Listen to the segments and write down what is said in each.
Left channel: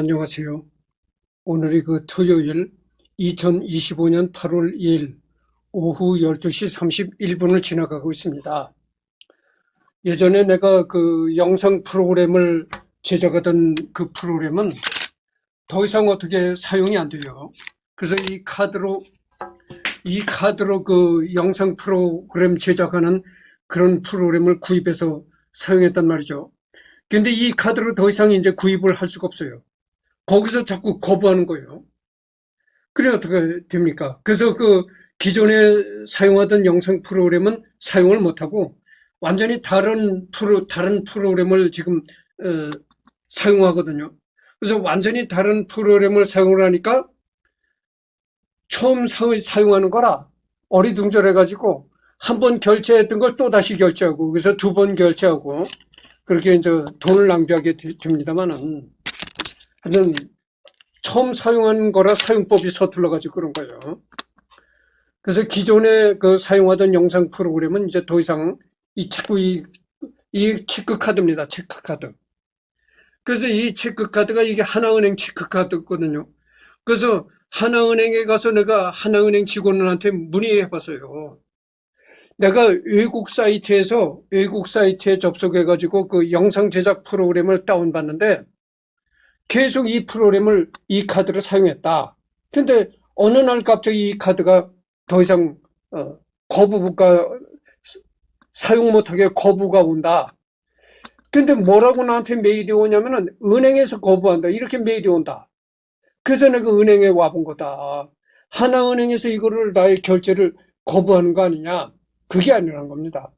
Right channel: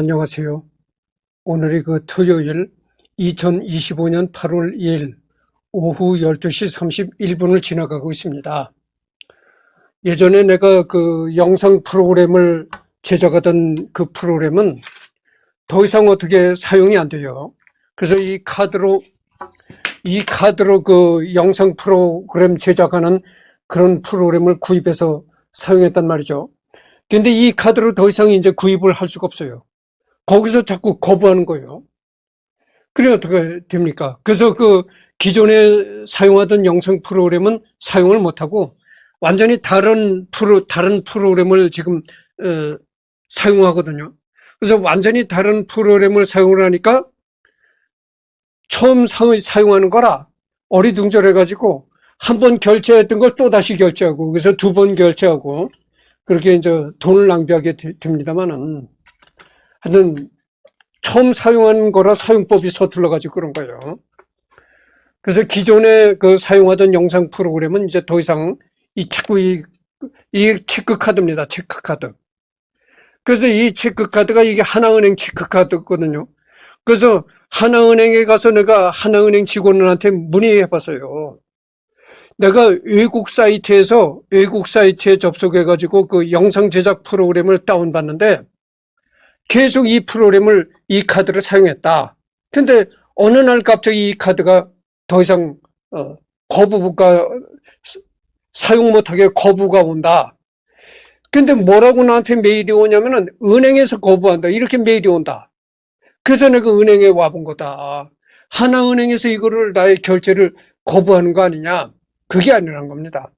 안녕하세요. 오늘이 토요일 2025년 8월 2일 오후 12시 31분을 지나가고 있습니다. 예전에 내가 영상 프로그램을 제작하던 그 프로그램은 더 이상 어떻게 사용이 안 돼요. 그래서 이 카드로 영상 프로그램 제작하는 그런 프로그램을 구입해서 사용했단 말이죠. 근데 이 카드로 더 이상 이제 구입을 할 수가 없어요. 거기서 자꾸 거부하는 거예요. 그래 어떻게 됩니까? 그래서 기존에 사용하던 영상 프로그램은 사용을 못하고 완전히 다른 프로그램을 지금 사용하거든요. 그래서 완전히 다른 프로그램을 사용을 하니까 처음 사용하는 거라 어리둥절해가지고 한 번 결제했던 걸 또 다시 결제하고, 그래서 두 번 결제하고, 그렇게 이제 돈을 낭비하게 됩니다만은, 하여튼 처음 사용하는 거라 사용법이 서툴러가지고 그런 거예요. 그래서 기존에 사용하던 영상 프로그램은 이제 더 이상 자꾸 이 체크카드입니다. 체크카드. 그래서 이 체크카드가 이게 하나은행 체크카드거든요. 그래서 하나은행에 가서 내가 하나은행 직원한테 문의해 봤어요. 내가 외국 사이트에 접속해가지고 영상 제작 프로그램을 다운받는데 계속 이 카드를 사용했다. 근데 어느 날 갑자기 이 카드가 더 이상 사용 못하게 거부가 온다. 근데 뭐라고 나한테 메일이 오냐면은 은행에서 거부한다. 이렇게 메일이 온다. 그래서 내가 은행에 와본 거다. 하나은행에서 이거를 나의 결제를 거부하는 거 아니냐. 그게 아니란 겁니다.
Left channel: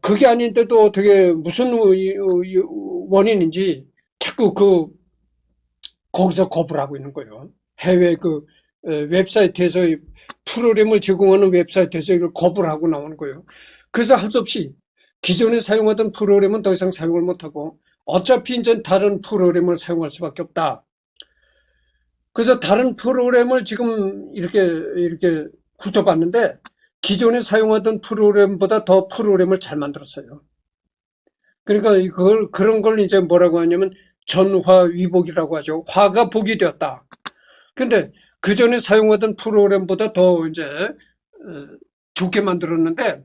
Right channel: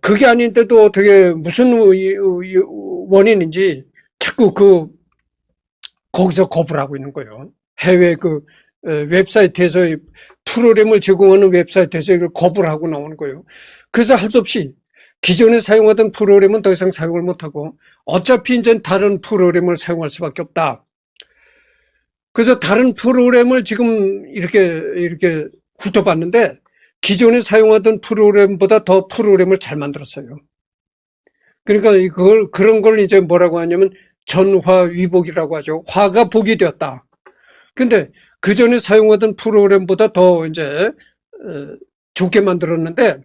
그게 아닌데도 어떻게 무슨 원인인지 자꾸 거기서 거부를 하고 있는 거예요. 해외 웹사이트에서 프로그램을 제공하는 웹사이트에서 이걸 거부를 하고 나오는 거예요. 그래서 할 수 없이 기존에 사용하던 프로그램은 더 이상 사용을 못하고 어차피 이제 다른 프로그램을 사용할 수밖에 없다. 그래서 다른 프로그램을 지금 이렇게 훑어봤는데 기존에 사용하던 프로그램보다 더 프로그램을 잘 만들었어요. 그러니까 그런 걸 이제 뭐라고 하냐면 전화위복이라고 하죠. 화가 복이 되었다. 근데 그 전에 사용하던 프로그램보다 더 이제 좋게 만들었는데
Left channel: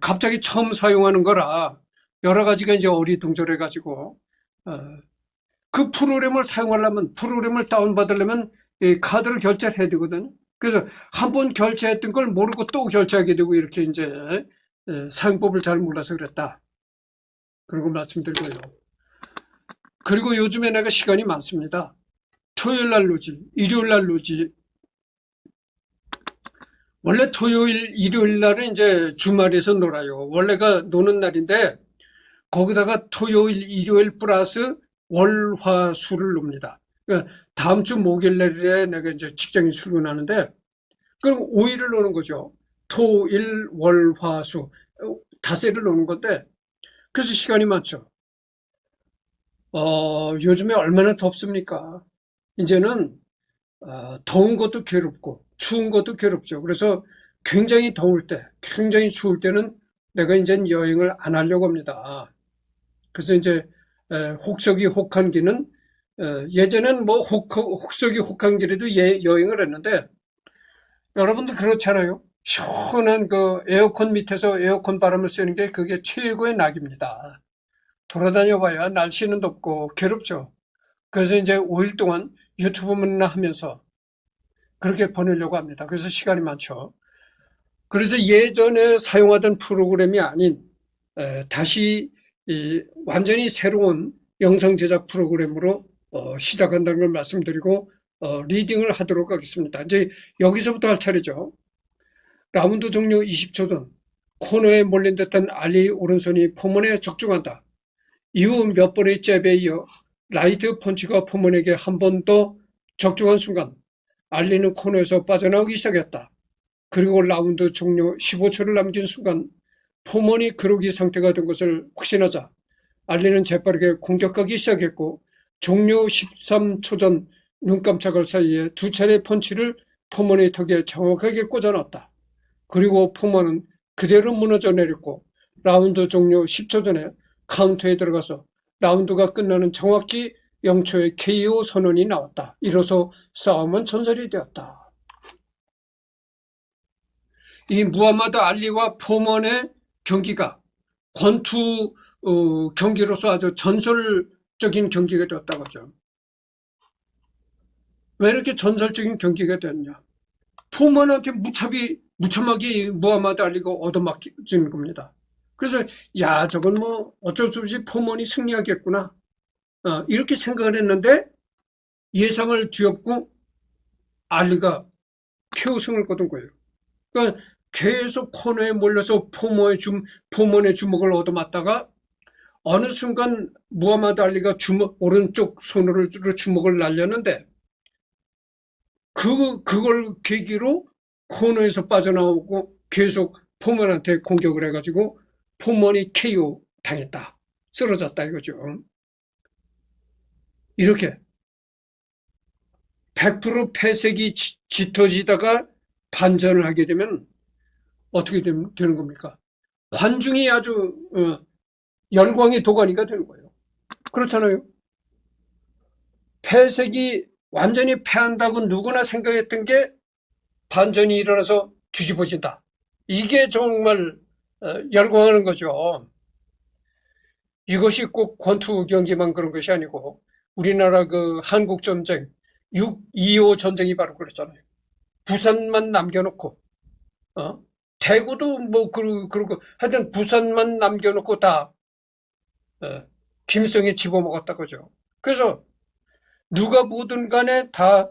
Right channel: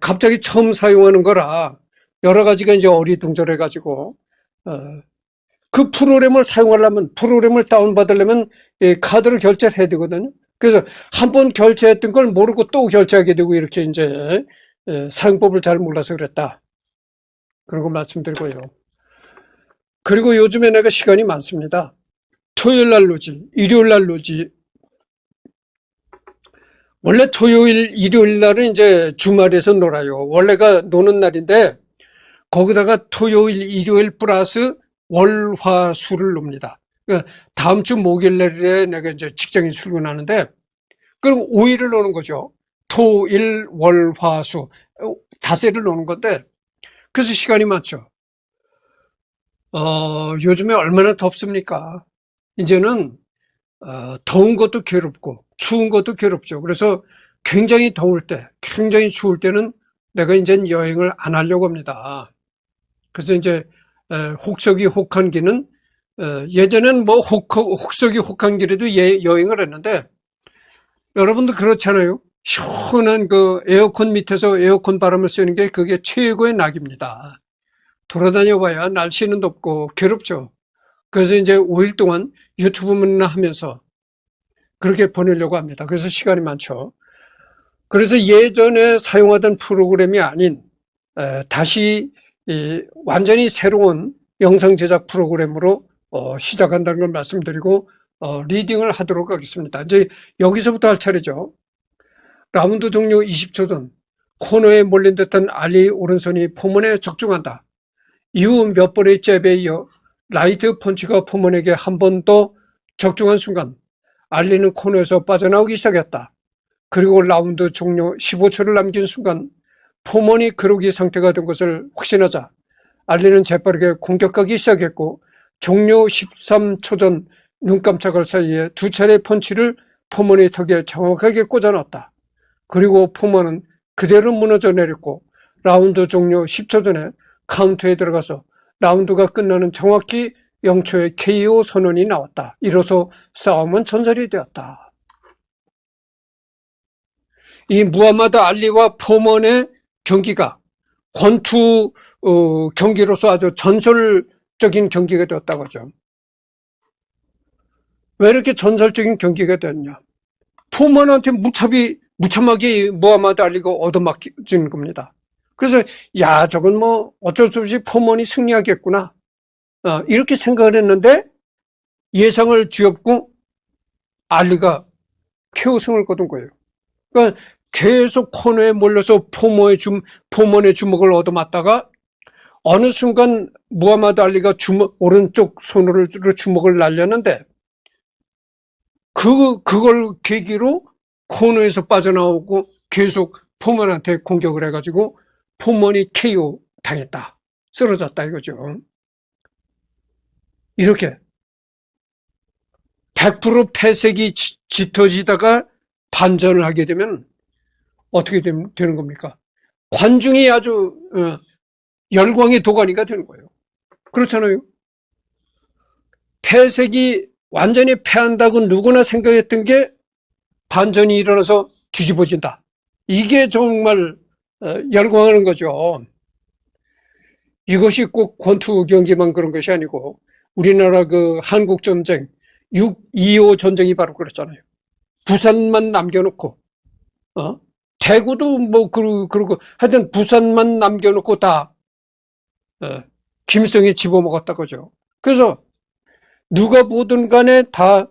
갑자기 처음 사용하는 거라 여러 가지가 이제 어리둥절해가지고 그 프로그램을 사용하려면 프로그램을 다운받으려면 카드를 결제를 해야 되거든요. 그래서 한 번 결제했던 걸 모르고 또 결제하게 되고 이렇게 이제 사용법을 잘 몰라서 그랬다. 그러고 말씀드리고요. 그리고 요즘에 내가 시간이 많습니다. 토요일 날 노지, 일요일 날 노지. 원래 토요일, 일요일 날은 이제 주말에서 놀아요. 원래가 노는 날인데 거기다가 토요일, 일요일 플러스 월, 화, 수를 놉니다. 그러니까 다음 주 목요일 날에 내가 이제 직장에 출근하는데 그럼 5일을 노는 거죠. 토, 일, 월, 화, 수. 닷새를 노는 건데 그래서 시간이 많죠. 요즘에 얼마나 덥습니까? 이제는 더운 것도 괴롭고 추운 것도 괴롭죠. 그래서 굉장히 더울 때, 굉장히 추울 때는 내가 이제 여행을 안 하려고 합니다. 그래서 이제 혹서기 혹한기는 예전엔 뭐 혹서기 혹한기라도 여행을 했는데 여러분도 그렇잖아요. 시원한 에어컨 밑에서 에어컨 바람을 쐬는 게 그게 최고의 낙입니다. 돌아다녀 봐야 날씨는 덥고 괴롭죠. 그래서 이제 5일 동안 유튜브만 하면서 그렇게 보내려고 합니다. 그래서 시간이 많죠. 그래서 예전에 사용하던 프로그램이 아닌 다시 완전히 새로운 영상 제작 프로그램으로 시작한다는 걸 말씀드리고 리딩을 하도록 하겠습니다. 이제 여기서부터 할 차례죠. 라운드 종료 20초 전 코너에 몰린 듯한 알리 오른손이 포먼에 적중한다. 이후 몇 번의 잽에 이어 라이트 펀치가 포먼에게 한 번 더 적중한 순간 알리는 코너에서 빠져나오기 시작했다. 그리고 라운드 종료 15초를 남긴 순간 포먼이 그러기 상태가 된 것을 확신하자 알리는 재빠르게 공격하기 시작했고 종료 13초 전 눈 깜짝할 사이에 두 차례 펀치를 포먼의 턱에 정확하게 꽂아놨다. 그리고 포먼은 그대로 무너져 내렸고 라운드 종료 10초 전에 카운터에 들어가서 라운드가 끝나는 정확히 0초의 KO 선언이 나왔다. 이로써 싸움은 전설이 되었다. 이 무하마드 알리와 포먼의 경기가 권투 경기로서 아주 전설적인 경기가 되었다고 하죠. 왜 이렇게 전설적인 경기가 됐냐? 포먼한테 무참하게 무하마드 알리가 얻어맞은 겁니다. 그래서 저건 뭐 어쩔 수 없이 포먼이 승리하겠구나, 이렇게 생각을 했는데 예상을 뒤엎고 알리가 KO승을 거둔 거예요. 그러니까 계속 코너에 몰려서 포먼의 주먹을 얻어맞다가 어느 순간 무하마드 알리가 오른쪽 손으로 주먹을 날렸는데 그걸 계기로 코너에서 빠져나오고 계속 포먼한테 공격을 해가지고 포먼이 KO 당했다. 쓰러졌다 이거죠. 이렇게 100% 패색이 짙어지다가 반전을 하게 되면 어떻게 되는 겁니까? 관중이 아주 열광의 도가니가 되는 거예요. 그렇잖아요. 패색이 완전히 패한다고 누구나 생각했던 게 반전이 일어나서 뒤집어진다. 이게 정말 열광하는 거죠. 이것이 꼭 권투 경기만 그런 것이 아니고 우리나라 그 한국 전쟁 6.25 전쟁이 바로 그랬잖아요. 부산만 남겨놓고 대구도 뭐 그러고 하여튼 부산만 남겨놓고 다 김성에 집어먹었다 그죠. 그래서 누가 보든 간에 다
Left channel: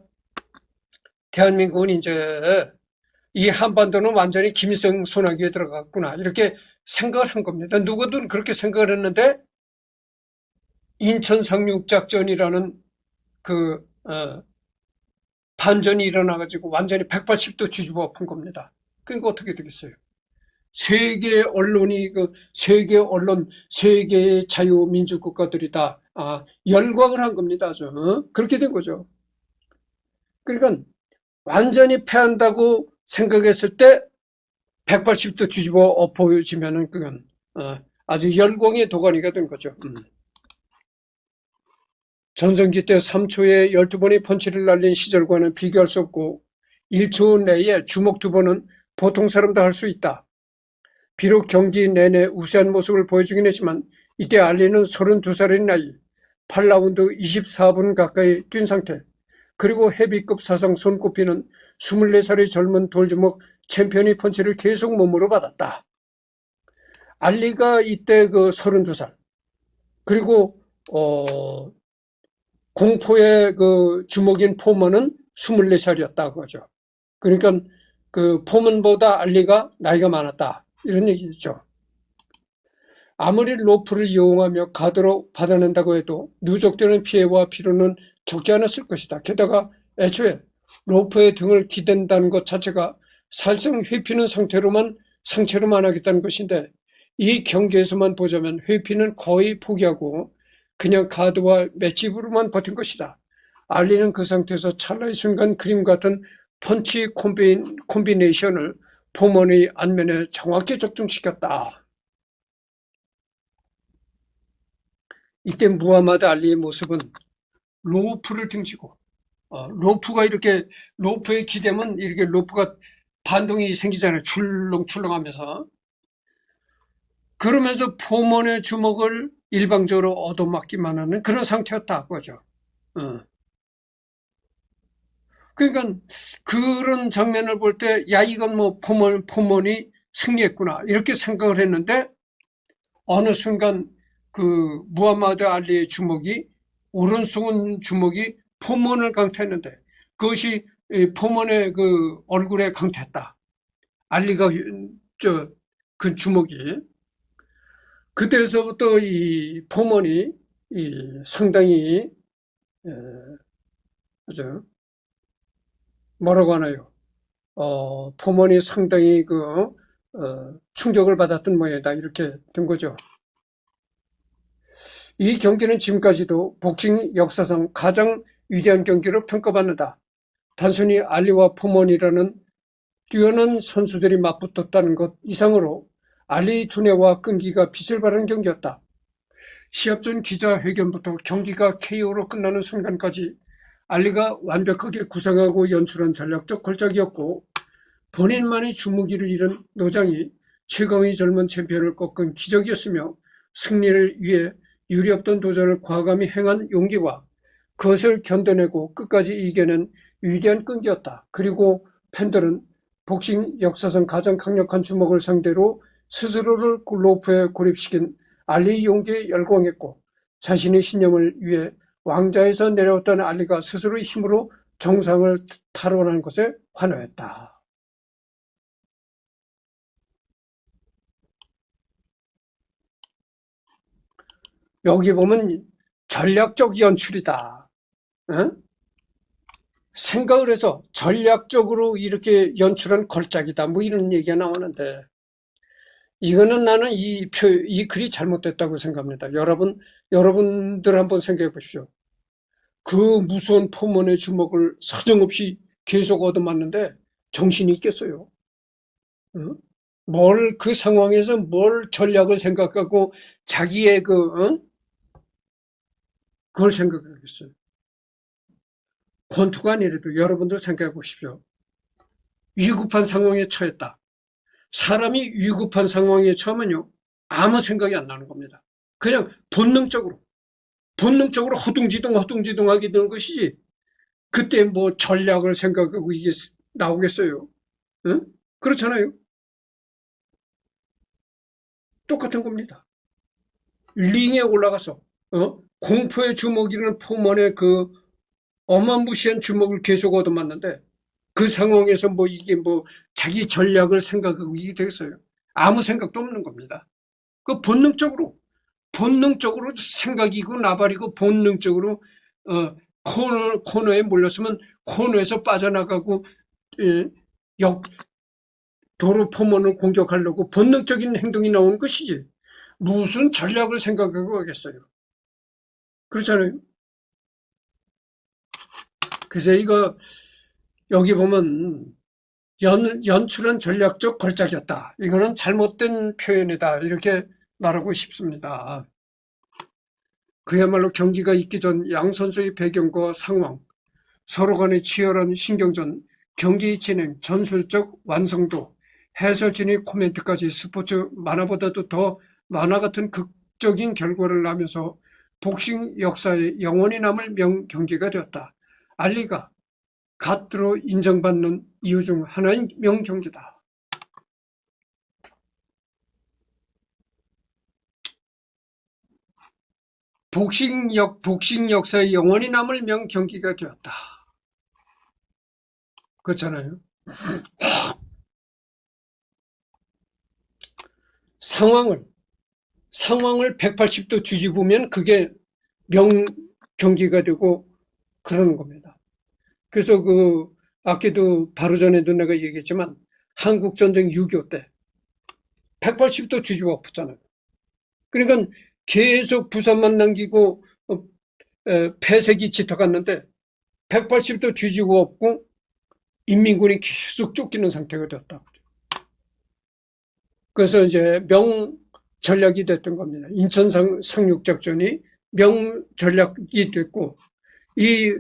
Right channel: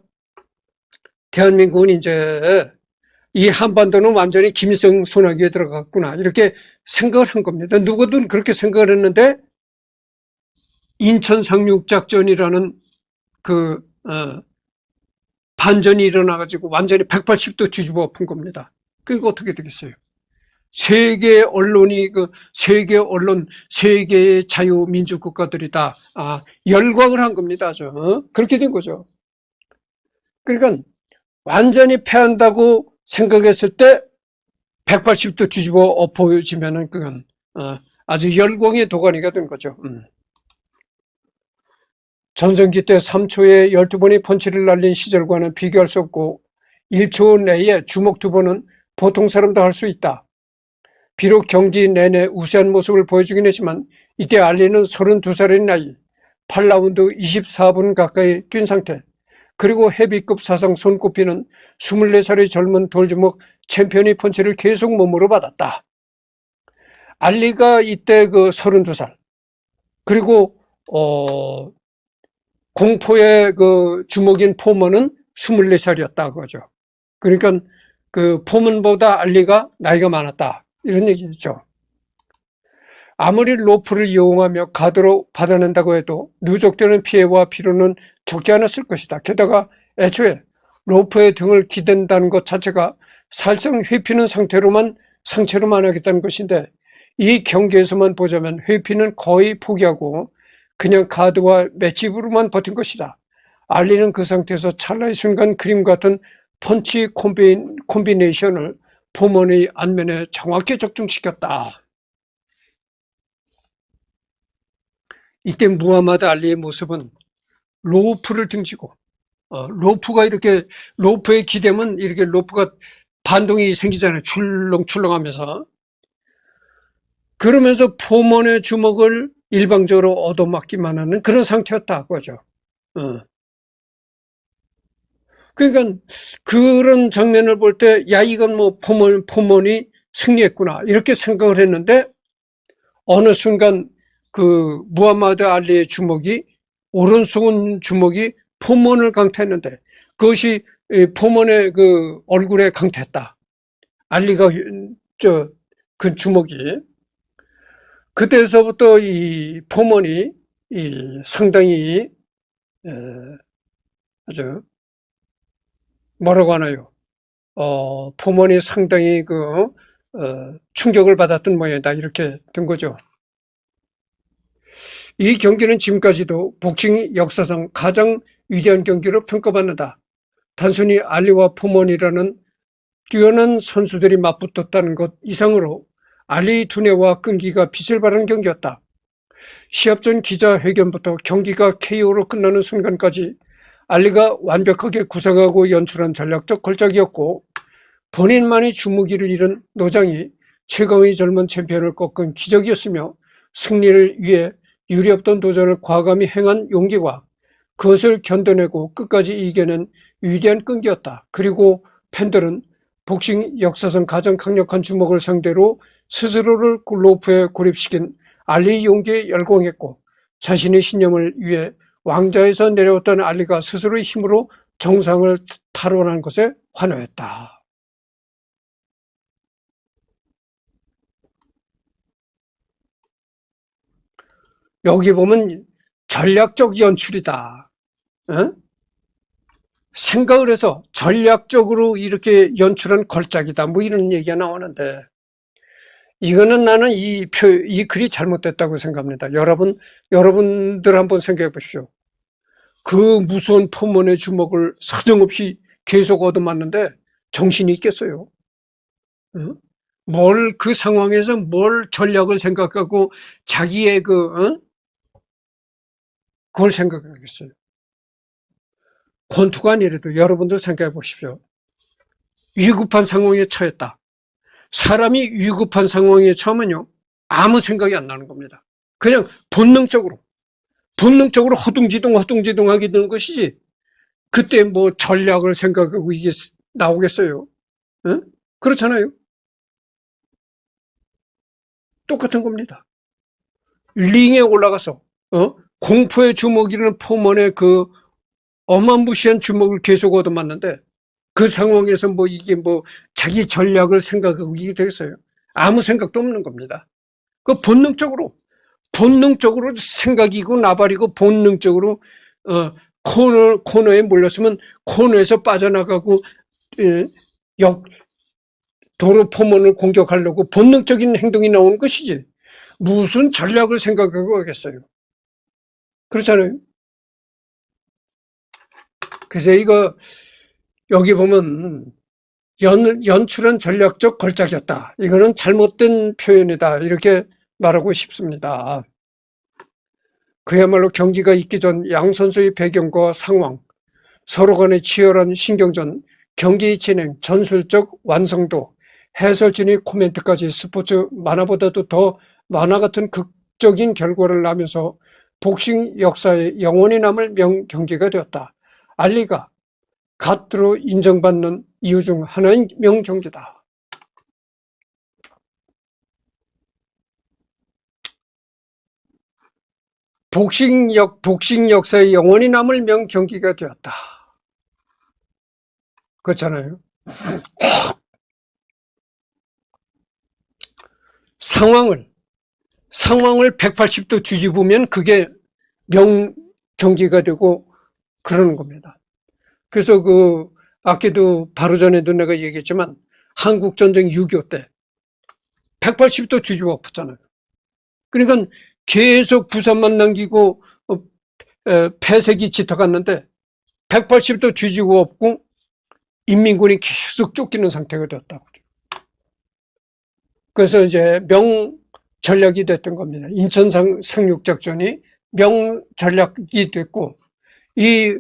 대한민국은 이제 이 한반도는 완전히 김일성 손아귀에 들어갔구나 이렇게 생각을 한 겁니다. 누구든 그렇게 생각을 했는데 인천 상륙작전이라는 그 반전이 일어나가지고 완전히 180도 뒤집어 엎은 겁니다. 그러니까 어떻게 되겠어요? 세계 언론이 세계 언론, 세계의 자유민주 국가들이 다 열광을 한 겁니다. 아주 그렇게 된 거죠. 그러니까 완전히 패한다고 생각했을 때 180도 뒤집어 엎어지면은 그건 아주 열광의 도가니가 된 거죠. 전성기 때 3초에 12번의 펀치를 날린 시절과는 비교할 수 없고 1초 내에 주먹 2번은 보통 사람도 할 수 있다. 비록 경기 내내 우세한 모습을 보여주긴 했지만 이때 알리는 32살의 나이, 8라운드 24분 가까이 뛴 상태, 그리고 헤비급 사상 손꼽히는 24살의 젊은 돌주먹 챔피언의 펀치를 계속 몸으로 받았다. 알리가 이때 32살, 그리고 공포의 주먹인 포먼은 24살이었다 그거죠. 그러니까 포먼보다 알리가 나이가 많았다 이런 얘기죠. 아무리 로프를 이용하며 가드로 받아낸다고 해도 누적되는 피해와 피로는 적지 않았을 것이다. 게다가 애초에 로프의 등을 기댄다는 것 자체가 살성 회피는 상체로만 하겠다는 것인데 이 경기에서만 보자면 회피는 거의 포기하고 그냥 가드와 맷집으로만 버틴 것이다. 알리는 그 상태에서 찰나의 순간 그림 같은 펀치 콤비네이션을 포먼의 안면에 정확히 적중시켰다. 이때 무하마드 알리의 모습은 로프를 등지고 로프가 이렇게 로프에 기대면 이렇게 로프가 반동이 생기잖아요. 출렁출렁하면서. 그러면서 포먼의 주먹을 일방적으로 얻어맞기만 하는 그런 상태였다 그거죠. 그러니까 그런 장면을 볼 때 이건 뭐 포먼이 승리했구나 이렇게 생각을 했는데 어느 순간 무하마드 알리의 주먹이 오른손 주먹이 포먼을 강타했는데 그것이 포먼의 얼굴에 강타했다. 알리가 그 주먹이 그때서부터 이 포먼이 상당히 아주 뭐라고 하나요? 포먼이 상당히 충격을 받았던 모양이다 이렇게 된 거죠. 이 경기는 지금까지도 복싱 역사상 가장 위대한 경기로 평가받는다. 단순히 알리와 포먼이라는 뛰어난 선수들이 맞붙었다는 것 이상으로 알리의 두뇌와 끈기가 빛을 발하는 경기였다. 시합 전 기자회견부터 경기가 KO로 끝나는 순간까지 알리가 완벽하게 구상하고 연출한 전략적 걸작이었고, 본인만의 주무기를 잃은 노장이 최강의 젊은 챔피언을 꺾은 기적이었으며, 승리를 위해 유리없던 도전을 과감히 행한 용기와 그것을 견뎌내고 끝까지 이겨낸 위대한 끈기였다. 그리고 팬들은 복싱 역사상 가장 강력한 주먹을 상대로 스스로를 로프에 고립시킨 알리의 용기에 열광했고, 자신의 신념을 위해 왕좌에서 내려왔던 알리가 스스로의 힘으로 정상을 탈환한 것에 환호했다. 여기 보면 전략적 연출이다. 어? 생각을 해서 전략적으로 이렇게 연출한 걸작이다. 뭐 이런 얘기가 나오는데, 이거는 나는 이 글이 잘못됐다고 생각합니다. 여러분들 한번 생각해 보십시오. 그 무서운 포먼의 주먹을 사정없이 계속 얻어맞는데 정신이 있겠어요? 응? 그 상황에서 뭘 전략을 생각하고 자기의 그걸 생각하겠어요? 권투가 아니라도 여러분들 생각해 보십시오. 위급한 상황에 처했다. 사람이 위급한 상황에 처하면요, 아무 생각이 안 나는 겁니다. 그냥 본능적으로 허둥지둥하게 되는 것이지, 그때 뭐 전략을 생각하고 이게 나오겠어요? 응? 그렇잖아요? 똑같은 겁니다. 링에 올라가서 공포의 주먹이라는 포먼의 그 어마무시한 주먹을 계속 얻어맞는데, 그 상황에서 이게 자기 전략을 생각하고 이게 되겠어요? 아무 생각도 없는 겁니다. 그 본능적으로 생각이고 나발이고 본능적으로 코너에 몰렸으면 코너에서 빠져나가고, 예, 도로 포문을 공격하려고 본능적인 행동이 나오는 것이지, 무슨 전략을 생각하고 하겠어요? 그렇잖아요. 그래서 여기 보면 연출은 전략적 걸작이었다. 이거는 잘못된 표현이다. 이렇게 말하고 싶습니다. 그야말로 경기가 있기 전 양 선수의 배경과 상황, 서로 간의 치열한 신경전, 경기의 진행, 전술적 완성도, 해설진의 코멘트까지 스포츠 만화보다도 더 만화 같은 극적인 결과를 낳으면서 복싱 역사에 영원히 남을 명경기가 되었다. 알리가 갓으로 인정받는 이유 중 하나인 명경기다. 복싱 역사에 영원히 남을 명경기가 되었다. 그렇잖아요. 상황을 180도 뒤집으면 그게 명경기가 되고 그러는 겁니다. 그래서 아까도 바로 전에도 내가 얘기했지만, 한국전쟁 6.25 때 180도 뒤집어 엎었잖아요. 그러니까 계속 부산만 남기고 폐색이 짙어갔는데 180도 뒤집어 엎고 인민군이 계속 쫓기는 상태가 되었다고. 그래서 이제 명전략이 됐던 겁니다. 인천 상륙작전이 명전략이 됐고, 이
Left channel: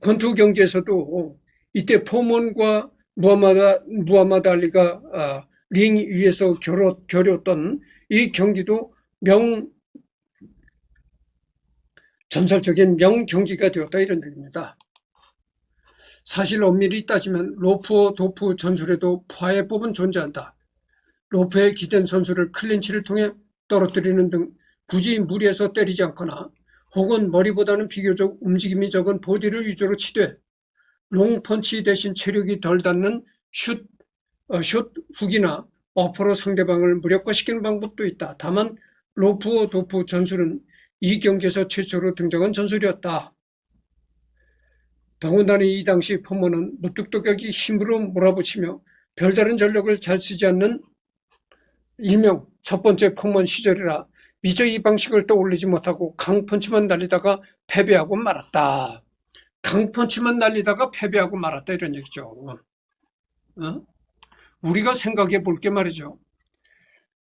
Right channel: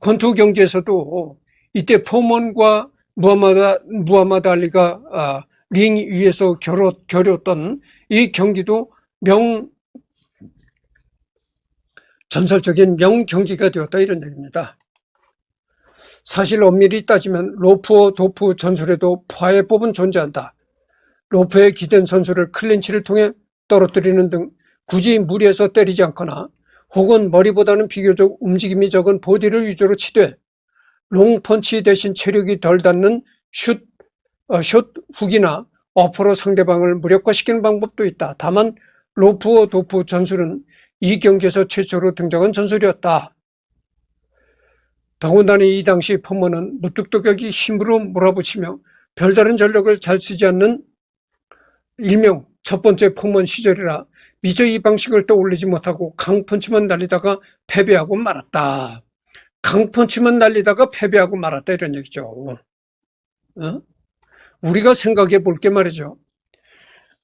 권투 경기에서도 이때 포먼과 무하마드 알리가 링 위에서 겨뤘던 이 경기도 전설적인 명경기가 되었다, 이런 얘기입니다. 사실 엄밀히 따지면 로프와 도프 전술에도 파해법은 존재한다. 로프에 기댄 선수를 클린치를 통해 떨어뜨리는 등 굳이 무리해서 때리지 않거나, 혹은 머리보다는 비교적 움직임이 적은 보디를 위주로 치되 롱펀치 대신 체력이 덜 닿는 슛 훅이나 어퍼로 상대방을 무력화시키는 방법도 있다. 다만 로프와 도프 전술은 이 경기에서 최초로 등장한 전술이었다. 더군다나 이 당시 포먼은 무뚝뚝하게 힘으로 몰아붙이며 별다른 전력을 잘 쓰지 않는 일명 첫 번째 포먼 시절이라 미처 이 방식을 떠올리지 못하고 강펀치만 날리다가 패배하고 말았다. 이런 얘기죠. 우리가 생각해 볼 게 말이죠.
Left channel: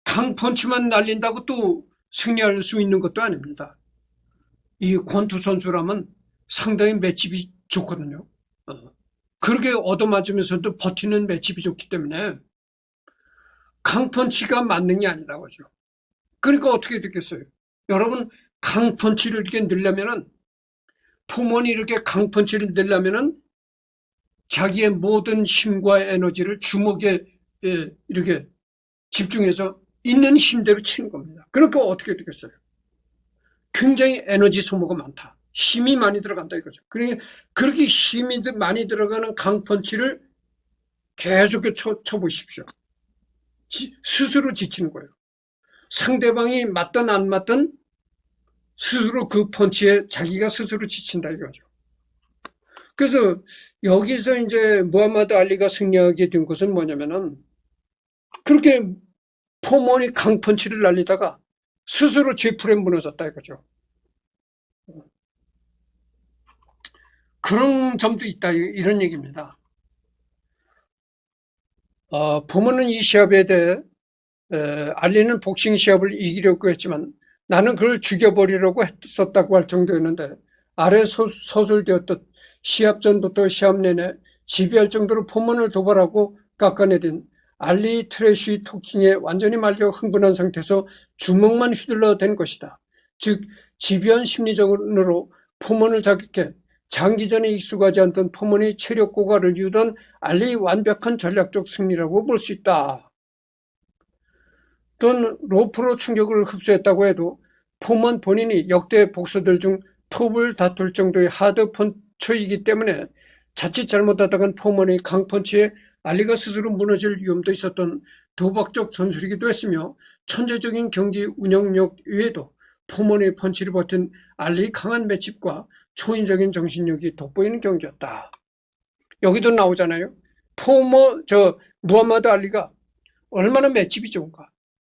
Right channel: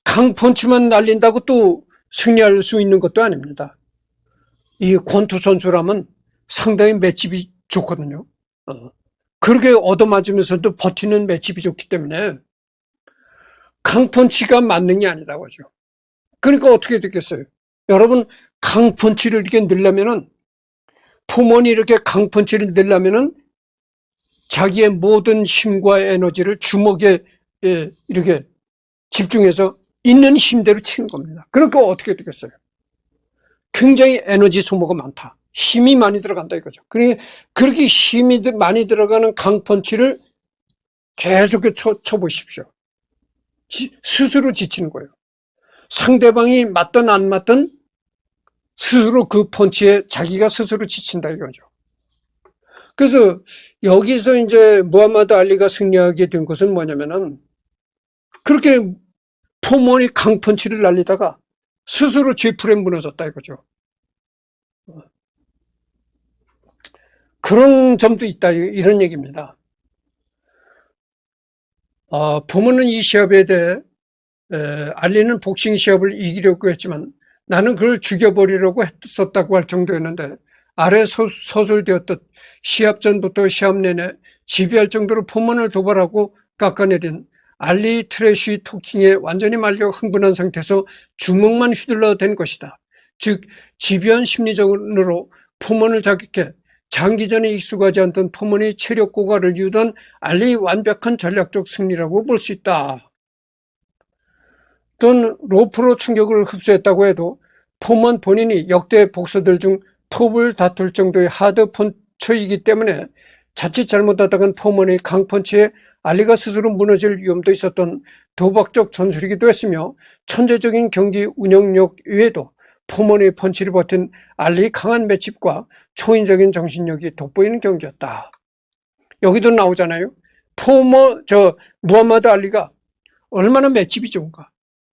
강펀치만 날린다고 또 승리할 수 있는 것도 아닙니다. 이 권투 선수라면 상당히 맷집이 좋거든요. 그렇게 얻어맞으면서도 버티는 맷집이 좋기 때문에 강펀치가 맞는 게 아니라고 하죠. 그러니까 어떻게 되겠어요? 여러분, 강펀치를 이렇게 넣으려면은, 포먼이 이렇게 강펀치를 넣으려면은 자기의 모든 힘과 에너지를 주먹에 이렇게 집중해서 있는 힘대로 치는 겁니다. 그러니까 어떻게 되겠어요? 굉장히 에너지 소모가 많다. 힘이 많이 들어간다 이거죠. 그렇게 힘이 많이 들어가는 강펀치를 계속 쳐보십시오. 스스로 지치는 거예요. 상대방이 맞든 안 맞든 스스로 그 펀치에 자기가 스스로 지친다 이거죠. 그래서 여기서 이제 무하마드 알리가 승리하게 된 것은 뭐냐면은 그렇게 포먼이 강펀치를 날리다가 스스로 쥐풀에 무너졌다 이거죠. 그런 점도 있다 이런 얘기입니다. 포먼은 이 시합에 대해 알리는 복싱 시합을 이기려고 했지만 나는 그걸 죽여버리려고 했었다고 할 정도였는데 아래 서술되었듯 시합 전부터 시합 내내 지배할 정도로 포먼을 도발하고 깎아내린 알리 트래쉬 토킹에 완전히 말려 흥분한 상태에서 주먹만 휘둘러 댄 것이다. 즉 집요한 심리전으로 포먼을 자극해 장기전에 익숙하지 않던 포먼이 체력 고갈을 이유던 알리의 완벽한 전략적 승리라고 볼 수 있다. 또는 로프로 충격을 흡수했다고 해도 포먼 본인이 역대 복서들 중 톱을 다툴 정도의 하드 펀처이기 때문에 자칫 잘못하다간 포먼의 강펀치에 알리가 스스로 무너질 위험도 있었던 도박적 전술이기도 했으며 천재적인 경기 운영력 외에도 포먼의 펀치를 버틴 알리의 강한 맷집과 초인적인 정신력이 돋보이는 경기였다. 여기도 나오잖아요. 무하마드 알리가 얼마나 맷집이 좋은가,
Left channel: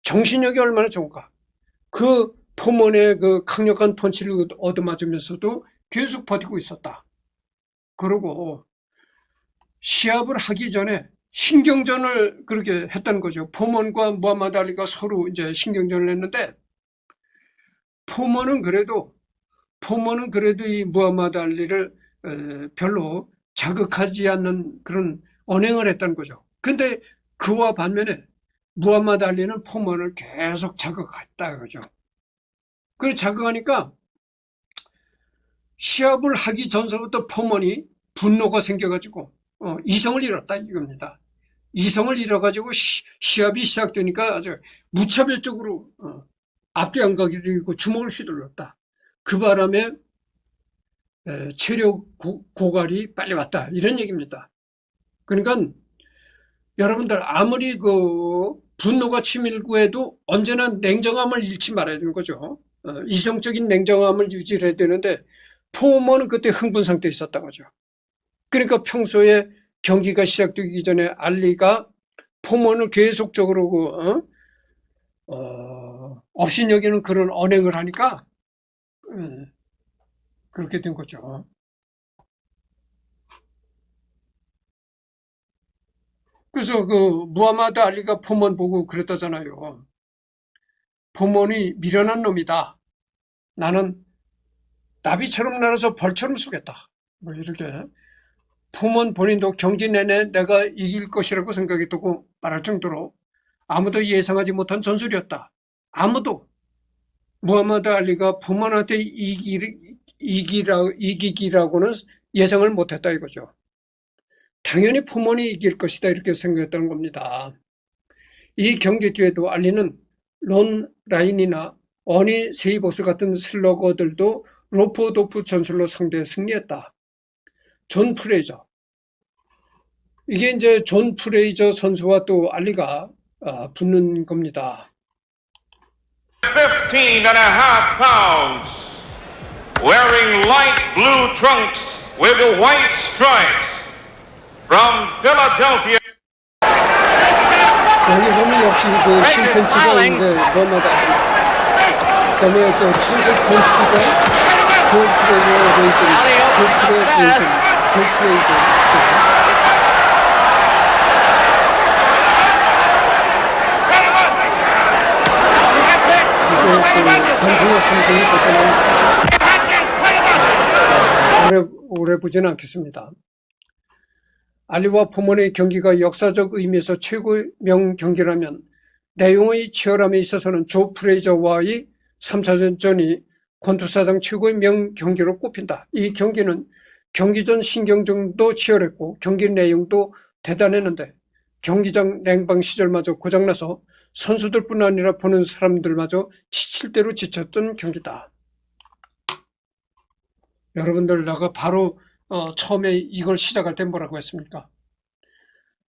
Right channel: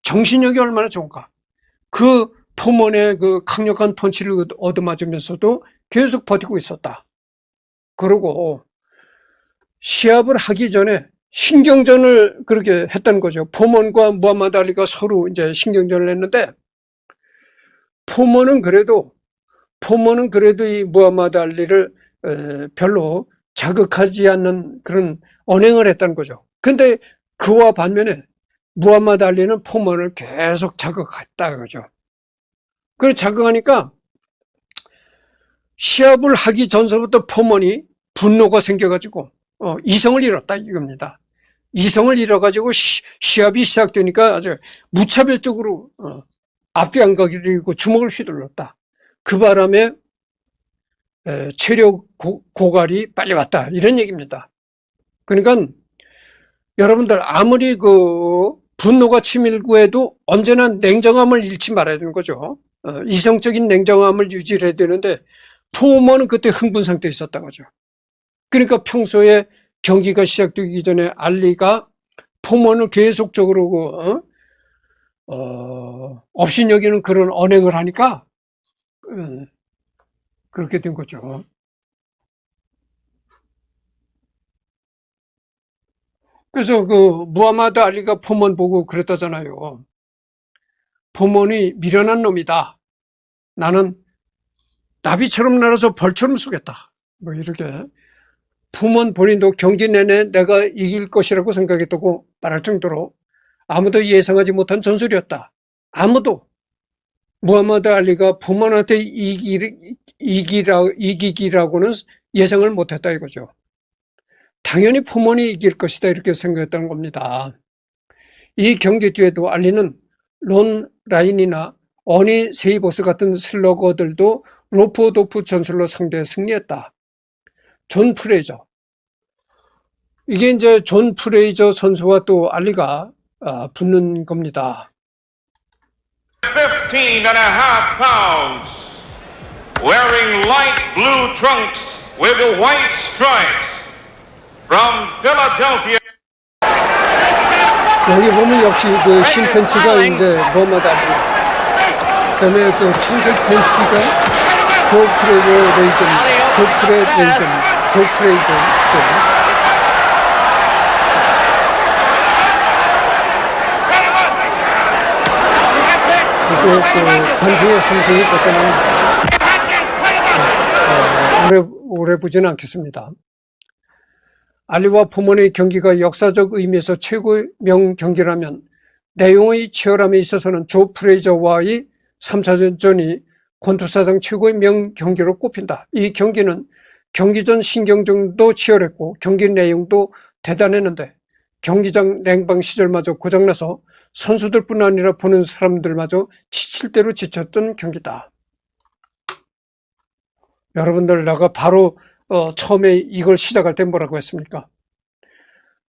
정신력이 얼마나 좋은가. 그 포먼의 그 강력한 펀치를 얻어맞으면서도 계속 버티고 있었다. 그리고 시합을 하기 전에 신경전을 그렇게 했다는 거죠. 포먼과 무하마드 알리가 서로 이제 신경전을 했는데 포먼은 그래도 이 무하마드 알리를 별로 자극하지 않는 그런 언행을 했다는 거죠. 근데 그와 반면에 무하마드 알리는 포먼을 계속 자극했다 그죠. 그걸 자극하니까 시합을 하기 전서부터 포먼이 분노가 생겨가지고 이성을 잃었다 이겁니다. 이성을 잃어가지고 시합이 시작되니까 아주 무차별적으로 앞뒤 안 가리고 주먹을 휘둘렀다. 그 바람에 체력 고갈이 빨리 왔다 이런 얘기입니다. 그러니까 여러분들 아무리 그 분노가 치밀고 해도 언제나 냉정함을 잃지 말아야 되는 거죠. 이성적인 냉정함을 유지해야 되는데 포먼은 그때 흥분 상태에 있었던 거죠. 그러니까 평소에 경기가 시작되기 전에 알리가 포먼을 계속적으로 업신여기는 그런 언행을 하니까 그렇게 된 거죠. 그래서 그 무하마드 알리가 포먼 보고 그랬다잖아요. 포먼이 미련한 놈이다. 나는 나비처럼 날아서 벌처럼 쏘겠다. 뭐 이렇게. 포먼 본인도 경기 내내 내가 이길 것이라고 생각했다고 말할 정도로 아무도 예상하지 못한 전술이었다. 아무도 무하마드 알리가 포먼한테 이기기라고는 예상을 못했다 이거죠. 당연히 포먼이 이길 것이다 이렇게 생각했다는 겁니다. 이 경기 뒤에도 알리는 론 라인이나 어니 세이버스 같은 슬러거들도 로프도프 전술로 상대해 승리했다. 존 프레이저. 이게 이제 존 프레이저 선수와 또 알리가 붙는 겁니다. 15 and a half pounds, wearing light blue trunks with the white stripes, from Philadelphia. 여기 보면 역시 그 실펜치가 이제 뭐마다 그다음에 그 청색 벤치가 조 프레이저 해보지는 않겠습니다. 알리와 포먼의 경기가 역사적 의미에서 최고의 명경기라면 내용의 치열함에 있어서는 조 프레이저와의 3차전이 권투사상 최고의 명경기로 꼽힌다. 이 경기는 경기 전 신경전도 치열했고 경기 내용도 대단했는데 경기장 냉방 시절마저 고장나서 선수들뿐 아니라 보는 사람들마저 지칠 대로 지쳤던 경기다. 여러분들, 내가 바로 처음에 이걸 시작할 때 뭐라고 했습니까?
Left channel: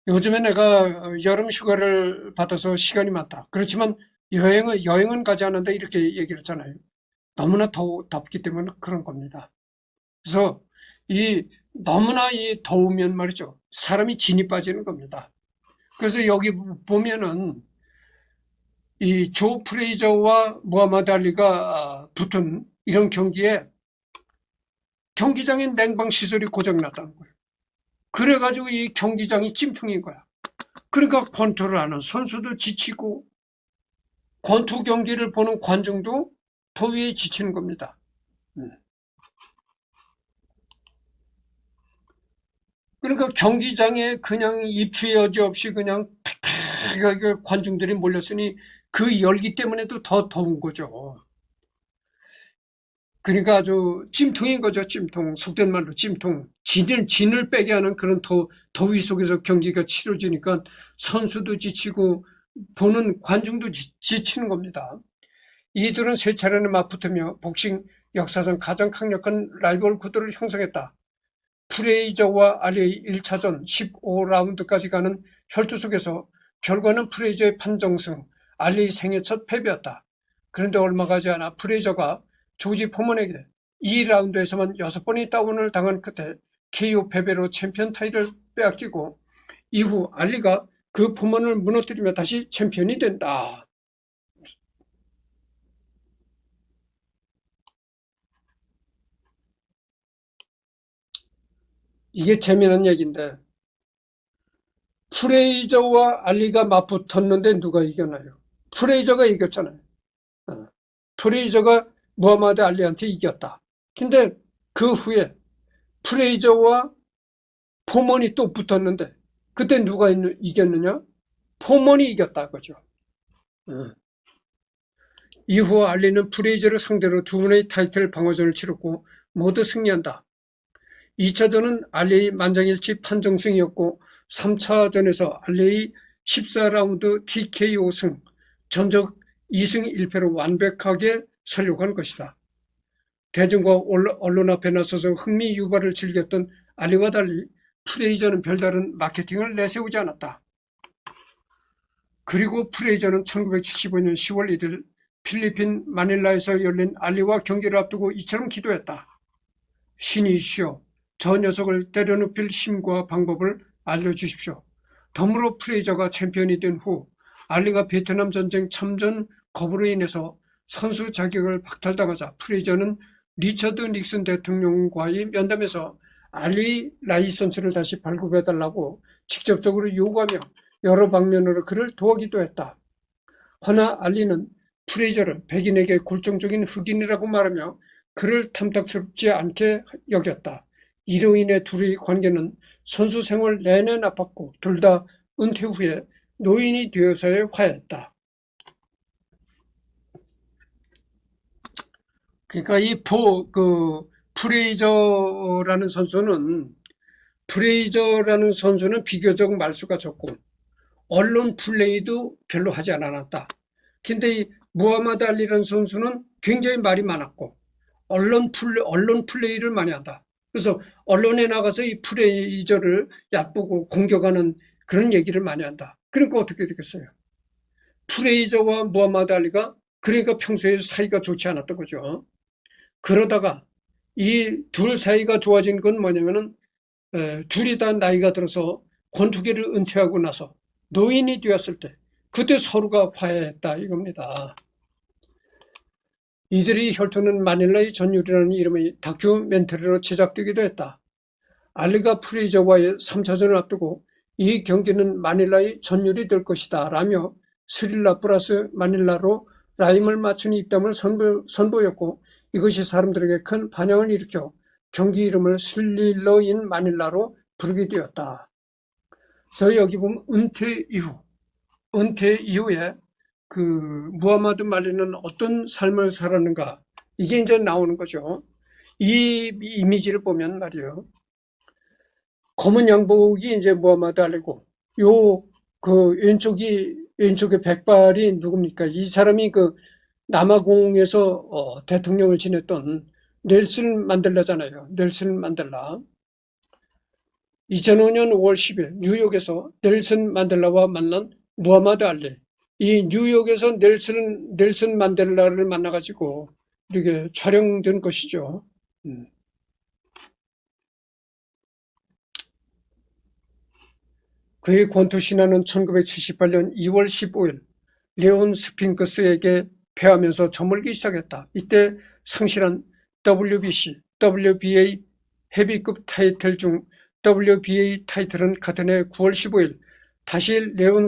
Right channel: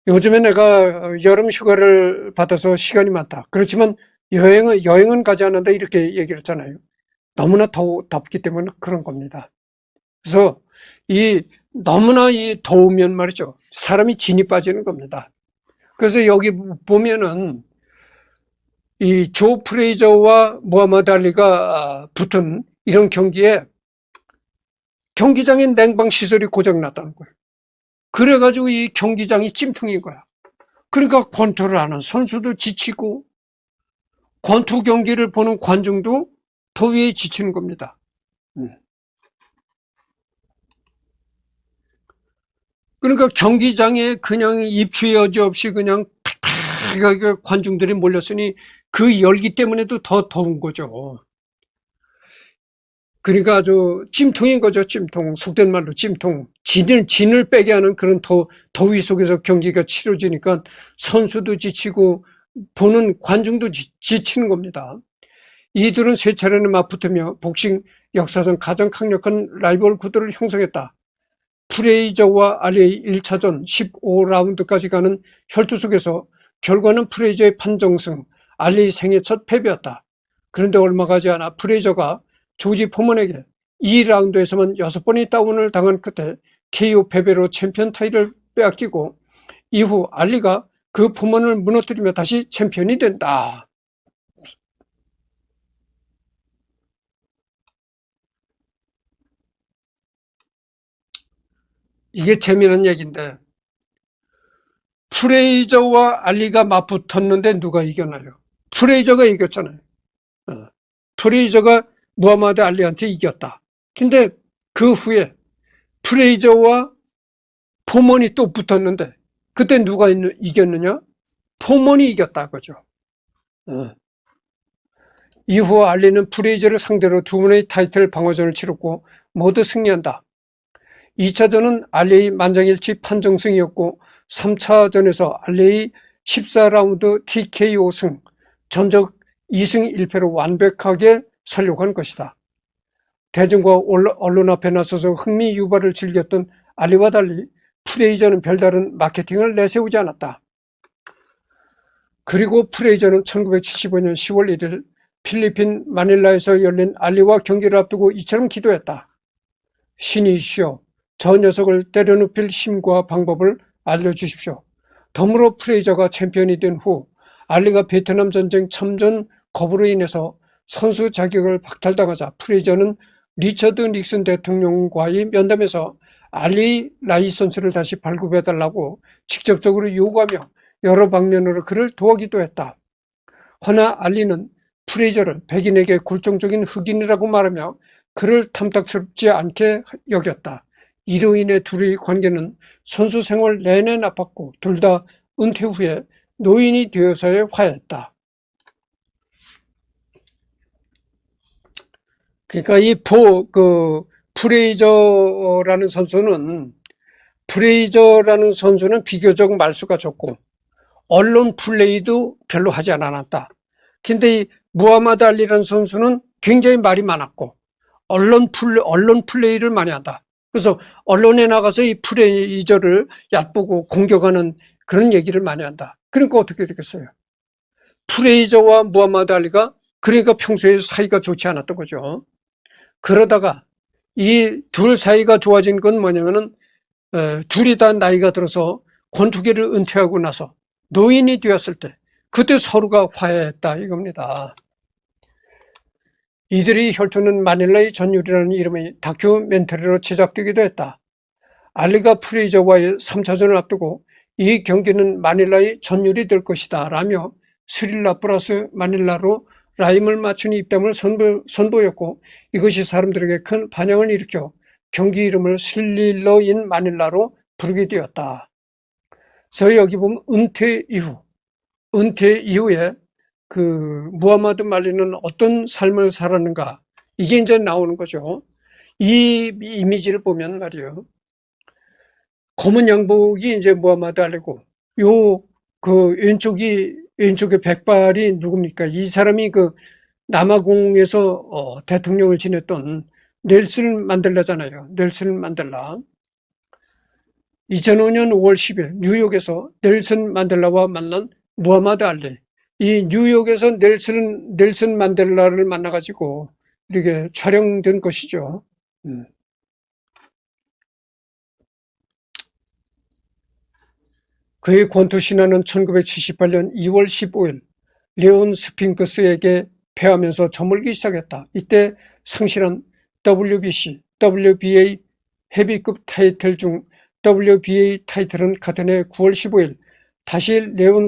요즘에 내가 여름 휴가를 받아서 시간이 많다. 그렇지만 여행은 가지 않는다, 이렇게 얘기를 했잖아요. 너무나 덥기 때문에 그런 겁니다. 그래서 너무나 이 더우면 말이죠, 사람이 진이 빠지는 겁니다. 그래서 여기 보면은 이 조 프레이저와 무하마드 알리가 붙은 이런 경기에 경기장의 냉방 시설이 고장났다는 거예요. 그래가지고 이 경기장이 찜통인 거야. 그러니까 권투를 하는 선수도 지치고 권투 경기를 보는 관중도 더위에 지치는 겁니다. 그러니까 경기장에 그냥 입추 여지 없이 그냥 팍팍하게 관중들이 몰렸으니 그 열기 때문에도 더 더운 거죠. 그러니까 아주 찜통인 거죠, 찜통. 속된 말로 찜통. 진을 빼게 하는 그런 더위 속에서 경기가 치러지니까 선수도 지치고 보는 관중도 지치는 겁니다. 이들은 세 차례나 맞붙으며 복싱 역사상 가장 강력한 라이벌 구도를 형성했다. 프레이저와 알리의 1차전 15라운드까지 가는 혈투 속에서 결과는 프레이저의 판정승, 알리의 생애 첫 패배였다. 그런데 얼마 가지 않아 프레이저가 조지 포먼에게 2라운드에서만 6번의 다운을 당한 끝에 KO 패배로 챔피언 타이틀을 빼앗기고 이후 알리가 그 포먼을 무너뜨리며 다시 챔피언이 된다. 이게 재미난 얘기인데, 프레이저와 알리가 맞붙었는데 누가 이겼나요? 프레이저가 이겼잖아요. 프레이저가 무하마드 알리한테 이겼다. 근데 그 후에 프레이저와 포먼이 또 붙었는데 그때 누가 이겼느냐? 포먼이 이겼다, 그죠? 이후 알리는 프레이저를 상대로 두 번의 타이틀 방어전을 치렀고 모두 승리한다. 2차전은 알리의 만장일치 판정승이었고 3차전에서 알리의 14라운드 TKO 승, 전적 2승 1패로 완벽하게 설력한 것이다. 대중과 언론 앞에 나서서 흥미 유발을 즐겼던 알리와 달리 프레이저는 별다른 마케팅을 내세우지 않았다. 그리고 프레이저는 1975년 10월 1일 필리핀 마닐라에서 열린 알리와 경기를 앞두고 이처럼 기도했다. 신이시여, 저 녀석을 때려눕힐 힘과 방법을 알려주십시오. 덤으로 프레이저가 챔피언이 된 후 알리가 베트남 전쟁 참전 거부로 인해서 선수 자격을 박탈당하자 프레이저는 리처드 닉슨 대통령과의 면담에서 알리 라이선스를 다시 발급해달라고 직접적으로 요구하며 여러 방면으로 그를 도와기도 했다. 허나 알리는 프레이저를 백인에게 굴종적인 흑인이라고 말하며 그를 탐탁스럽지 않게 여겼다. 이로 인해 둘의 관계는 선수 생활 내내 나빴고 둘 다 은퇴 후에 노인이 되어서야 화해했다. 그러니까 프레이저라는 선수는 비교적 말수가 적고 언론 플레이도 별로 하지 않았다. 근데 이 무하마드 알리라는 선수는 굉장히 말이 많았고 언론 플레이를 많이 한다. 그래서 언론에 나가서 이 프레이저를 얕보고 공격하는 그런 얘기를 많이 한다. 그러니까 어떻게 되겠어요? 프레이저와 무하마드 알리가 그러니까 평소에 사이가 좋지 않았던 거죠. 그러다가 이 둘 사이가 좋아진 건 뭐냐면은 둘이 다 나이가 들어서 권투기를 은퇴하고 나서 노인이 되었을 때 그때 서로가 화해했다 이겁니다. 이들의 혈투는 마닐라의 전율이라는 이름의 다큐멘터리로 제작되기도 했다. 알리가 프레이저와의 3차전을 앞두고 이 경기는 마닐라의 전율이 될 것이다 라며 스릴라 플러스 마닐라로 라임을 맞춘 입담을 선보였고 이것이 사람들에게 큰 반향을 일으켜 경기 이름을 슬릴러 인 마닐라로 부르게 되었다. 그래서 여기 보면 은퇴 이후에 그 무하마드 말리는 어떤 삶을 살았는가, 이게 이제 나오는 거죠. 이 이미지를 보면 말이요, 검은 양복이 이제 무하마드 알리고, 그 왼쪽에 백발이 누굽니까? 이 사람이 그 남아공에서 대통령을 지냈던 넬슨 만델라잖아요. 넬슨 만델라. 2005년 5월 10일 뉴욕에서 넬슨 만델라와 만난 무하마드 알리. 이 뉴욕에서 넬슨 만델라를 만나가지고 이렇게 촬영된 것이죠. 그의 권투 신화는 1978년 2월 15일 레온 스핑크스에게 패하면서 저물기 시작했다. 이때 상실한 WBC, WBA 헤비급 타이틀 중 WBA 타이틀은 같은 해 9월 15일 다시 레온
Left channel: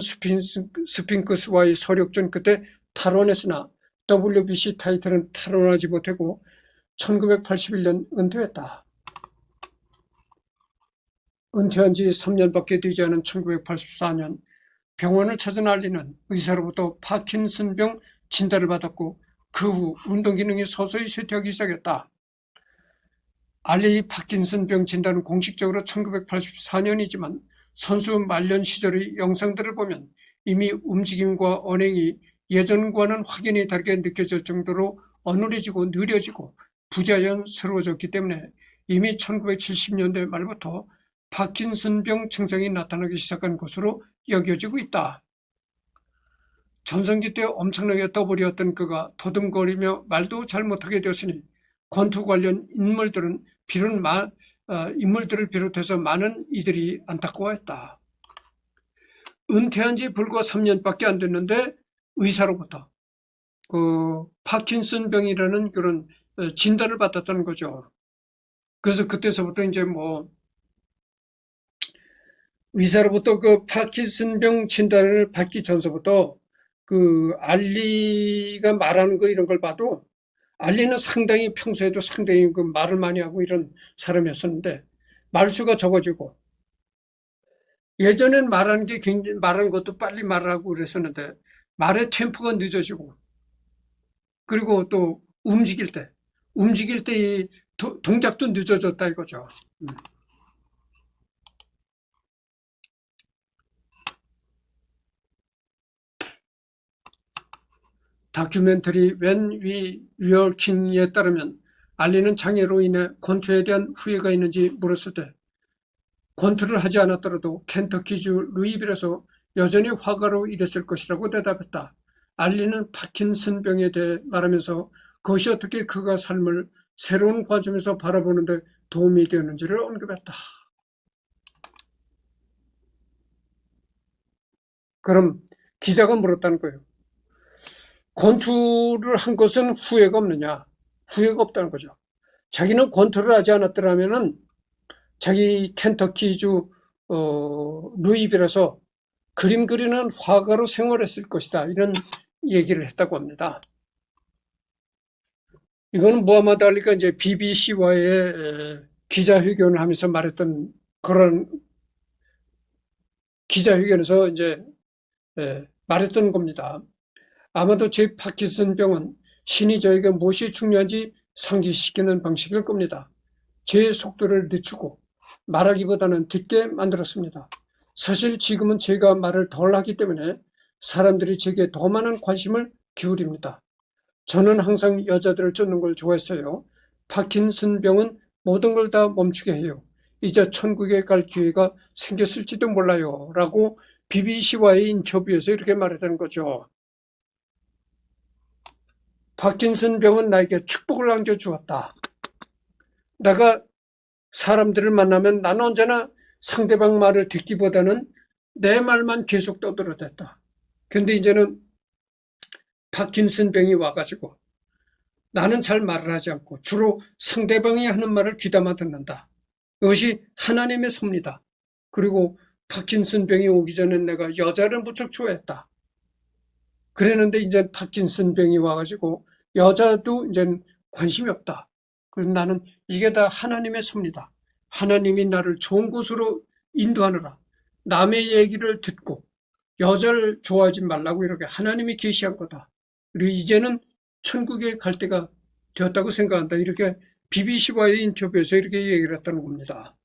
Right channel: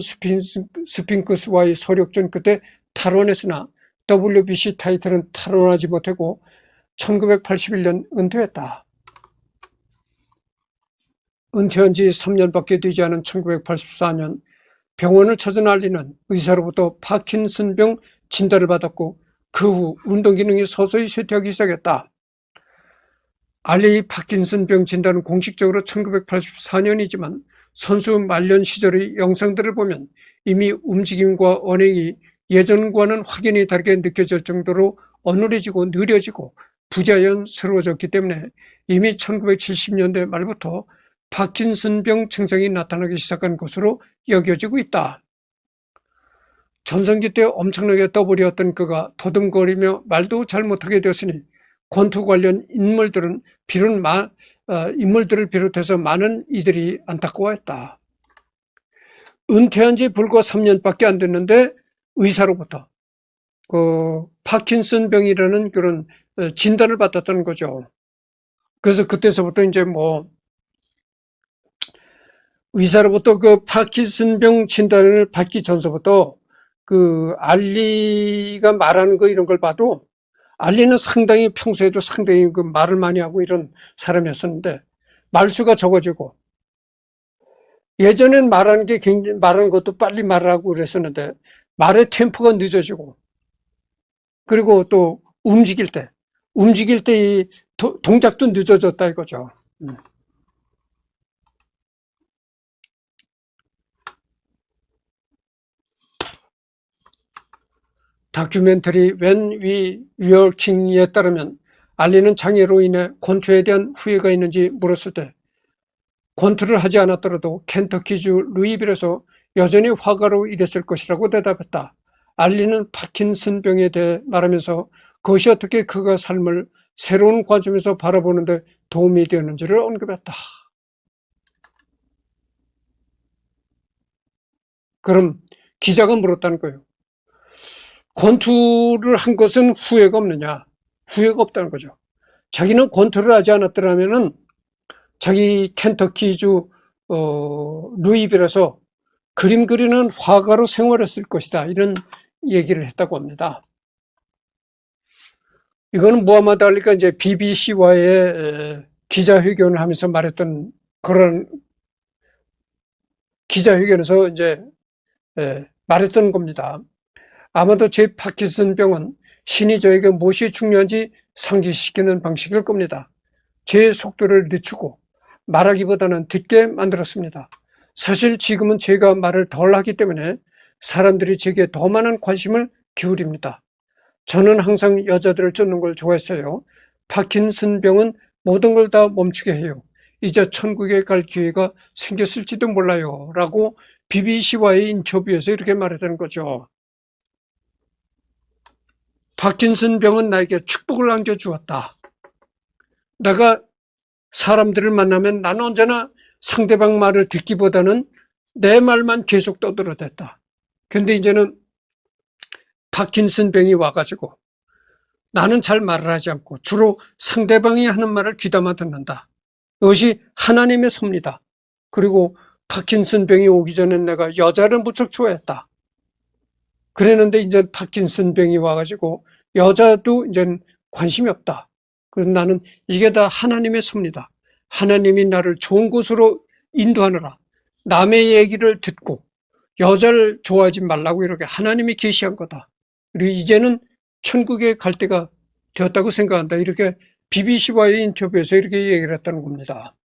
스핑크스와의 서력전 끝에 탈원했으나 WBC 타이틀은 탈원하지 못하고 1981년 은퇴했다. 은퇴한 지 3년밖에 되지 않은 1984년 병원을 찾은 알리는 의사로부터 파킨슨병 진단을 받았고 그 후 운동기능이 서서히 쇠퇴하기 시작했다. 알리의 파킨슨병 진단은 공식적으로 1984년이지만 선수 말년 시절의 영상들을 보면 이미 움직임과 언행이 예전과는 확연히 다르게 느껴질 정도로 어눌해지고 느려지고 부자연스러워졌기 때문에 이미 1970년대 말부터 파킨슨병 증상이 나타나기 시작한 것으로 여겨지고 있다. 전성기 때 엄청나게 떠버렸던 그가 더듬거리며 말도 잘 못하게 되었으니 권투 관련 인물들을 비롯해서 많은 이들이 안타까워했다. 은퇴한 지 불과 3년밖에 안 됐는데 의사로부터 파킨슨병이라는 그런 진단을 받았다는 거죠. 그래서 그때서부터 이제 의사로부터 그 파킨슨병 진단을 받기 전서부터 그 알리가 말하는 거 이런 걸 봐도 알리는 상당히 평소에도 상당히 그 말을 많이 하고 이런 사람이었었는데 말수가 적어지고 예전엔 말하는 것도 빨리 말을 하고 그랬었는데 말의 템포가 늦어지고 그리고 또 움직일 때 이 동작도 늦어졌다 이거죠. 다큐멘터리 When We Were King에 따르면 알리는 장애로 인해 권투에 대한 후회가 있는지 물었을 때 권투를 하지 않았더라도 켄터키주 루이빌에서 여전히 화가로 일했을 것이라고 대답했다. 알리는 파킨슨병에 대해 말하면서 그것이 어떻게 그가 삶을 새로운 관점에서 바라보는 데 도움이 되었는지를 언급했다. 그럼 기자가 물었다는 거예요. 권투를 한 것은 후회가 없느냐? 후회가 없다는 거죠. 자기는 권투를 하지 않았더라면은 자기 켄터키주 루이빌에서 그림 그리는 화가로 생활했을 것이다. 이런 얘기를 했다고 합니다. 이거는 무하마드 알리가 이제 BBC와의 기자회견을 하면서 말했던 그런 기자회견에서 이제 말했던 겁니다. 아마도 제 파킨슨병은 신이 저에게 무엇이 중요한지 상기시키는 방식일 겁니다. 제 속도를 늦추고 말하기보다는 듣게 만들었습니다. 사실 지금은 제가 말을 덜 하기 때문에 사람들이 제게 더 많은 관심을 기울입니다. 저는 항상 여자들을 쫓는 걸 좋아했어요. 파킨슨병은 모든 걸 다 멈추게 해요. 이제 천국에 갈 기회가 생겼을지도 몰라요. 라고 BBC와의 인터뷰에서 이렇게 말했다는 거죠. 파킨슨병은 나에게 축복을 안겨주었다. 내가 사람들을 만나면 나는 언제나 상대방 말을 듣기보다는 내 말만 계속 떠들어댔다. 근데 이제는 파킨슨병이 와가지고 나는 잘 말을 하지 않고 주로 상대방이 하는 말을 귀담아 듣는다. 이것이 하나님의 섭니다. 그리고 파킨슨병이 오기 전에 내가 여자를 무척 좋아했다. 그랬는데 이제 파킨슨병이 와가지고 여자도 이제 관심이 없다. 그래서 나는 이게 다 하나님의 섭니다. 하나님이 나를 좋은 곳으로 인도하느라 남의 얘기를 듣고 여자를 좋아하지 말라고 이렇게 하나님이 계시한 거다. 그리고 이제는 천국에 갈 때가 되었다고 생각한다. 이렇게 BBC와의 인터뷰에서 이렇게 얘기를 했다는 겁니다.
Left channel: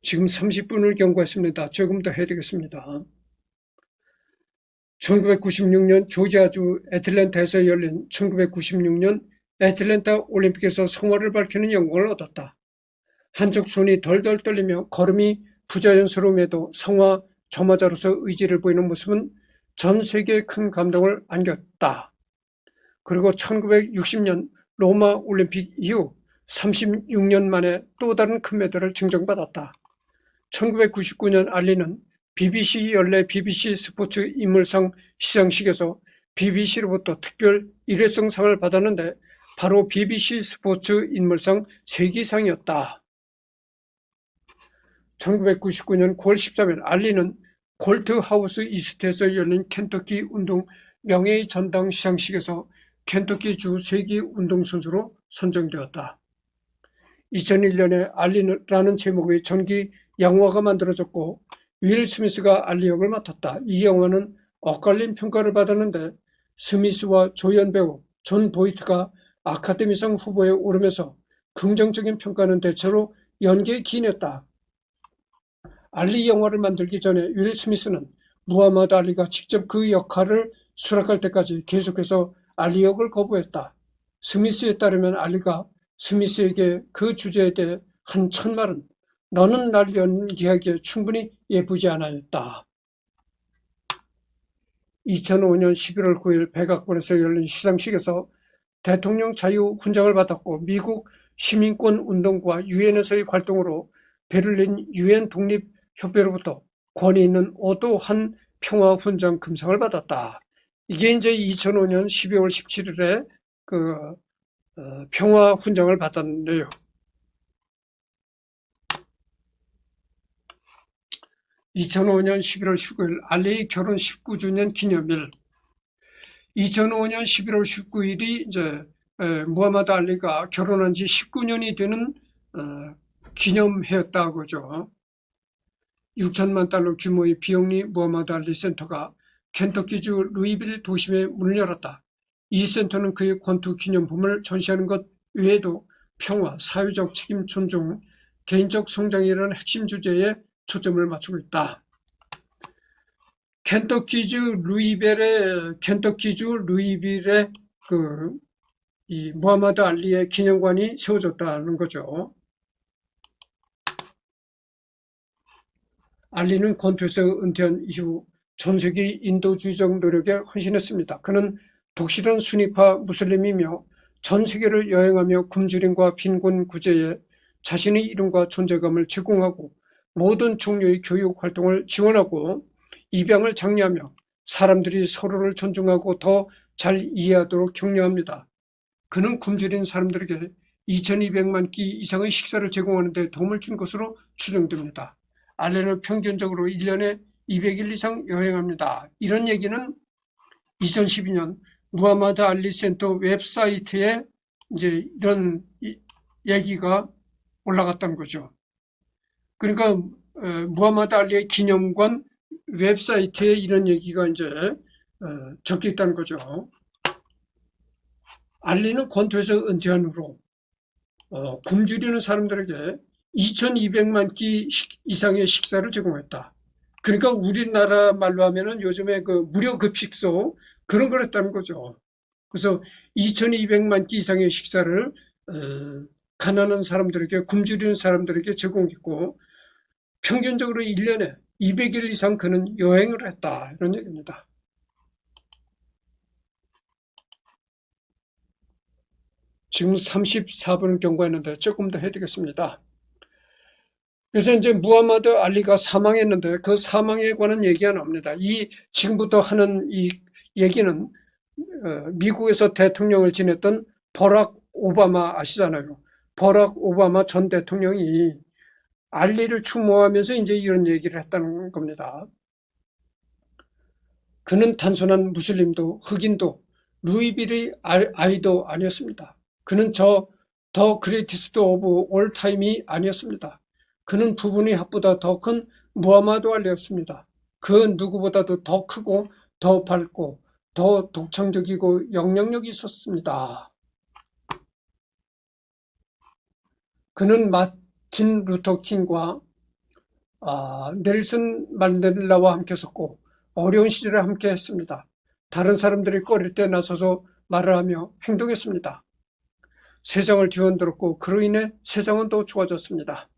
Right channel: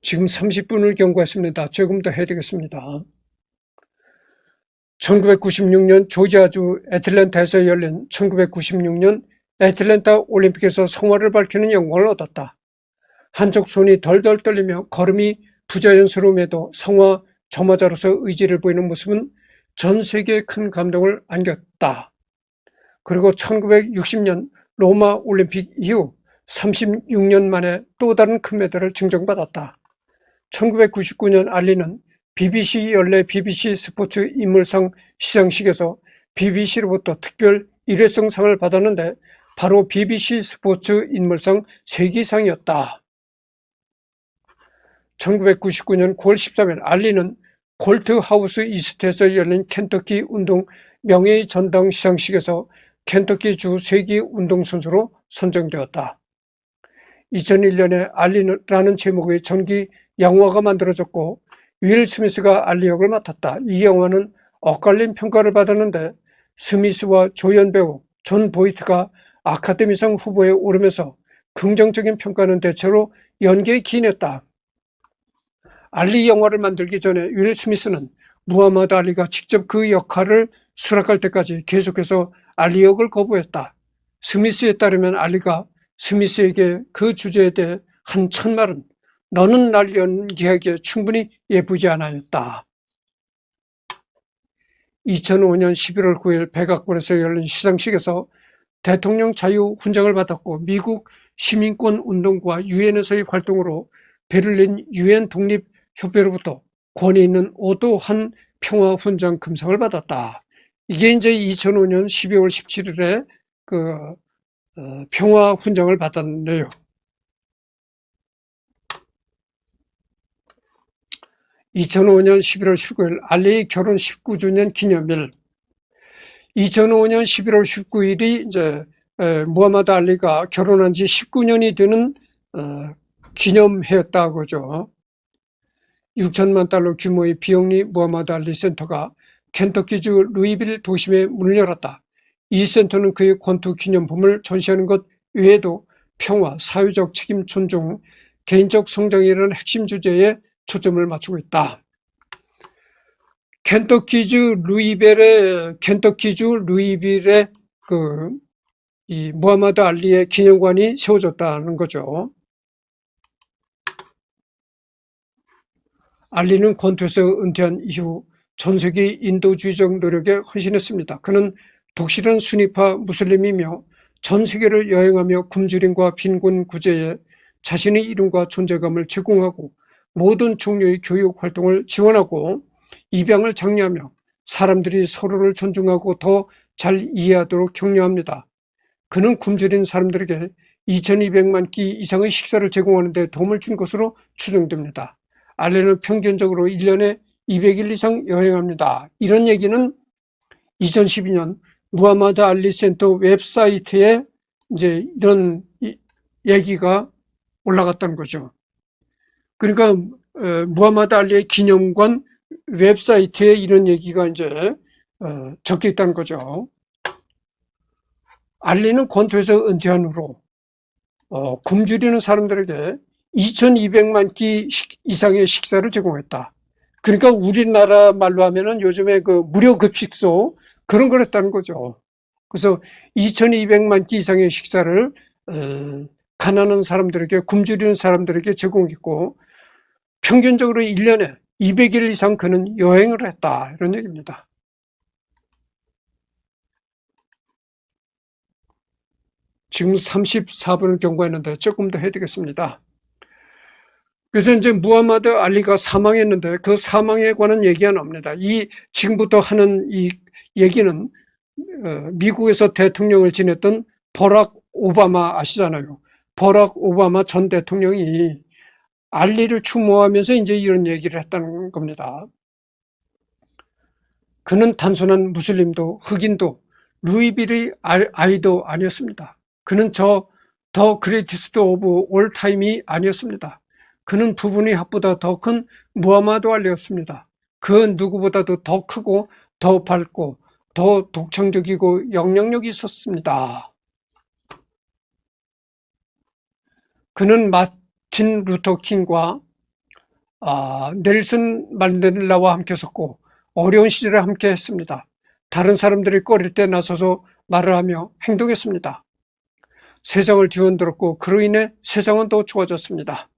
지금 30분을 경과했습니다. 조금 더 해야 되겠습니다. 1996년 조지아주 애틀랜타에서 열린 1996년 애틀랜타 올림픽에서 성화를 밝히는 영광을 얻었다. 한쪽 손이 덜덜 떨리며 걸음이 부자연스러움에도 성화 점화자로서 의지를 보이는 모습은 전 세계에 큰 감동을 안겼다. 그리고 1960년 로마 올림픽 이후 36년 만에 또 다른 금메달을 증정받았다. 1999년 알리는 BBC 연례 BBC 스포츠 인물상 시상식에서 BBC로부터 특별 일회성상을 받았는데 바로 BBC 스포츠 인물상 세기상이었다. 1999년 9월 13일 알리는 콜트하우스 이스트에서 열린 켄터키 운동 명예의 전당 시상식에서 켄터키주 세기 운동선수로 선정되었다. 2001년에 알리라는 제목의 전기 영화가 만들어졌고 윌 스미스가 알리 역을 맡았다. 이 영화는 엇갈린 평가를 받았는데 스미스와 조연 배우 존 보이트가 아카데미상 후보에 오르면서 긍정적인 평가는 대체로 연기에 기인했다. 알리 영화를 만들기 전에 윌 스미스는 무하마드 알리가 직접 그 역할을 수락할 때까지 계속해서 알리 역을 거부했다. 스미스에 따르면 알리가 스미스에게 그 주제에 대해 한 첫말은 너는 날 연기하기에 충분히 예쁘지 않았다. 2005년 11월 9일 백악관에서 열린 시상식에서 대통령 자유 훈장을 받았고 미국 시민권 운동과 유엔에서의 활동으로 베를린 유엔 독립협회로부터 권위 있는 오도한 평화 훈장 금상을 받았다. 이게 이제 2005년 12월 17일에 평화 훈장을 받았네요. 2005년 11월 19일 알리의 결혼 19주년 기념일. 2005년 11월 19일이 이제 무하마드 알리가 결혼한 지 19년이 되는 기념해였다고 하죠. 6천만 달러 규모의 비영리 무하마드 알리 센터가 켄터키주 루이빌 도심에 문을 열었다. 이 센터는 그의 권투 기념품을 전시하는 것 외에도 평화, 사회적 책임 존중, 개인적 성장이라는 핵심 주제에 초점을 맞추고 있다. 켄터키주 루이빌에 이 무하마드 알리의 기념관이 세워졌다는 거죠. 알리는 권투에서 은퇴한 이후 전 세계 인도주의적 노력에 헌신했습니다. 그는 독실한 순위파 무슬림이며 전 세계를 여행하며 굶주림과 빈곤 구제에 자신의 이름과 존재감을 제공하고 모든 종류의 교육 활동을 지원하고 입양을 장려하며 사람들이 서로를 존중하고 더 잘 이해하도록 격려합니다. 그는 굶주린 사람들에게 2200만 끼 이상의 식사를 제공하는 데 도움을 준 것으로 추정됩니다. 알리는 평균적으로 1년에 200일 이상 여행합니다. 이런 얘기는 2012년 무하마드 알리 센터 웹사이트에 이제 이런 얘기가 올라갔다는 거죠. 그러니까 무하마드 알리의 기념관 웹사이트에 이런 얘기가 이제 적혀 있다는 거죠. 알리는 권투에서 은퇴한 후로 굶주리는 사람들에게 2200만 끼 이상의 식사를 제공했다. 그러니까 우리나라 말로 하면은 요즘에 그 무료 급식소 그런 걸 했다는 거죠. 그래서 2200만 끼 이상의 식사를 가난한 사람들에게, 굶주리는 사람들에게 제공했고 평균적으로 1년에 200일 이상 그는 여행을 했다. 이런 얘기입니다. 지금 34분을 경과했는데 조금 더 해야 되겠습니다. 그래서 이제 무하마드 알리가 사망했는데 그 사망에 관한 얘기가 나옵니다. 이 지금부터 하는 이 얘기는 미국에서 대통령을 지냈던 버락 오바마 아시잖아요. 버락 오바마 전 대통령이 알리를 추모하면서 이제 이런 얘기를 했다는 겁니다. 그는 단순한 무슬림도 흑인도 루이빌이 아이도 아니었습니다. 그는 더 그레이티스트 오브 올 타임이 아니었습니다. 그는 부분의 합보다 더 큰 무하마드 알리였습니다. 그 누구보다도 더 크고 더 밝고 더 독창적이고 영향력이 있었습니다. 그는 마틴 루터 킹과 넬슨 만델라와 함께 섰고 어려운 시절에 함께 했습니다. 다른 사람들이 꺼릴 때 나서서 말을 하며 행동했습니다. 세상을 뒤흔들었고 그로 인해 세상은 더 좋아졌습니다.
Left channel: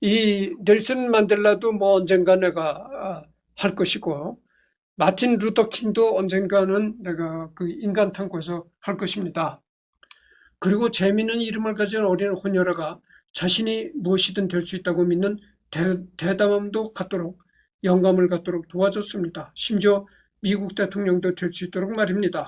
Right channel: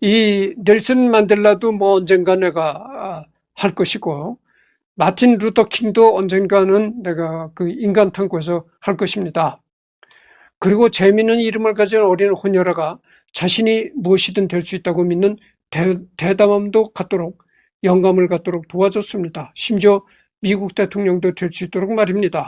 이 넬슨 만델라도 뭐 언젠가 내가 할 것이고 마틴 루터 킹도 언젠가는 내가 그 인간 탐구에서 할 것입니다. 그리고 재미있는 이름을 가진 어린 혼혈아가 자신이 무엇이든 될 수 있다고 믿는 대담함도 갖도록 영감을 갖도록 도와줬습니다. 심지어 미국 대통령도 될 수 있도록 말입니다.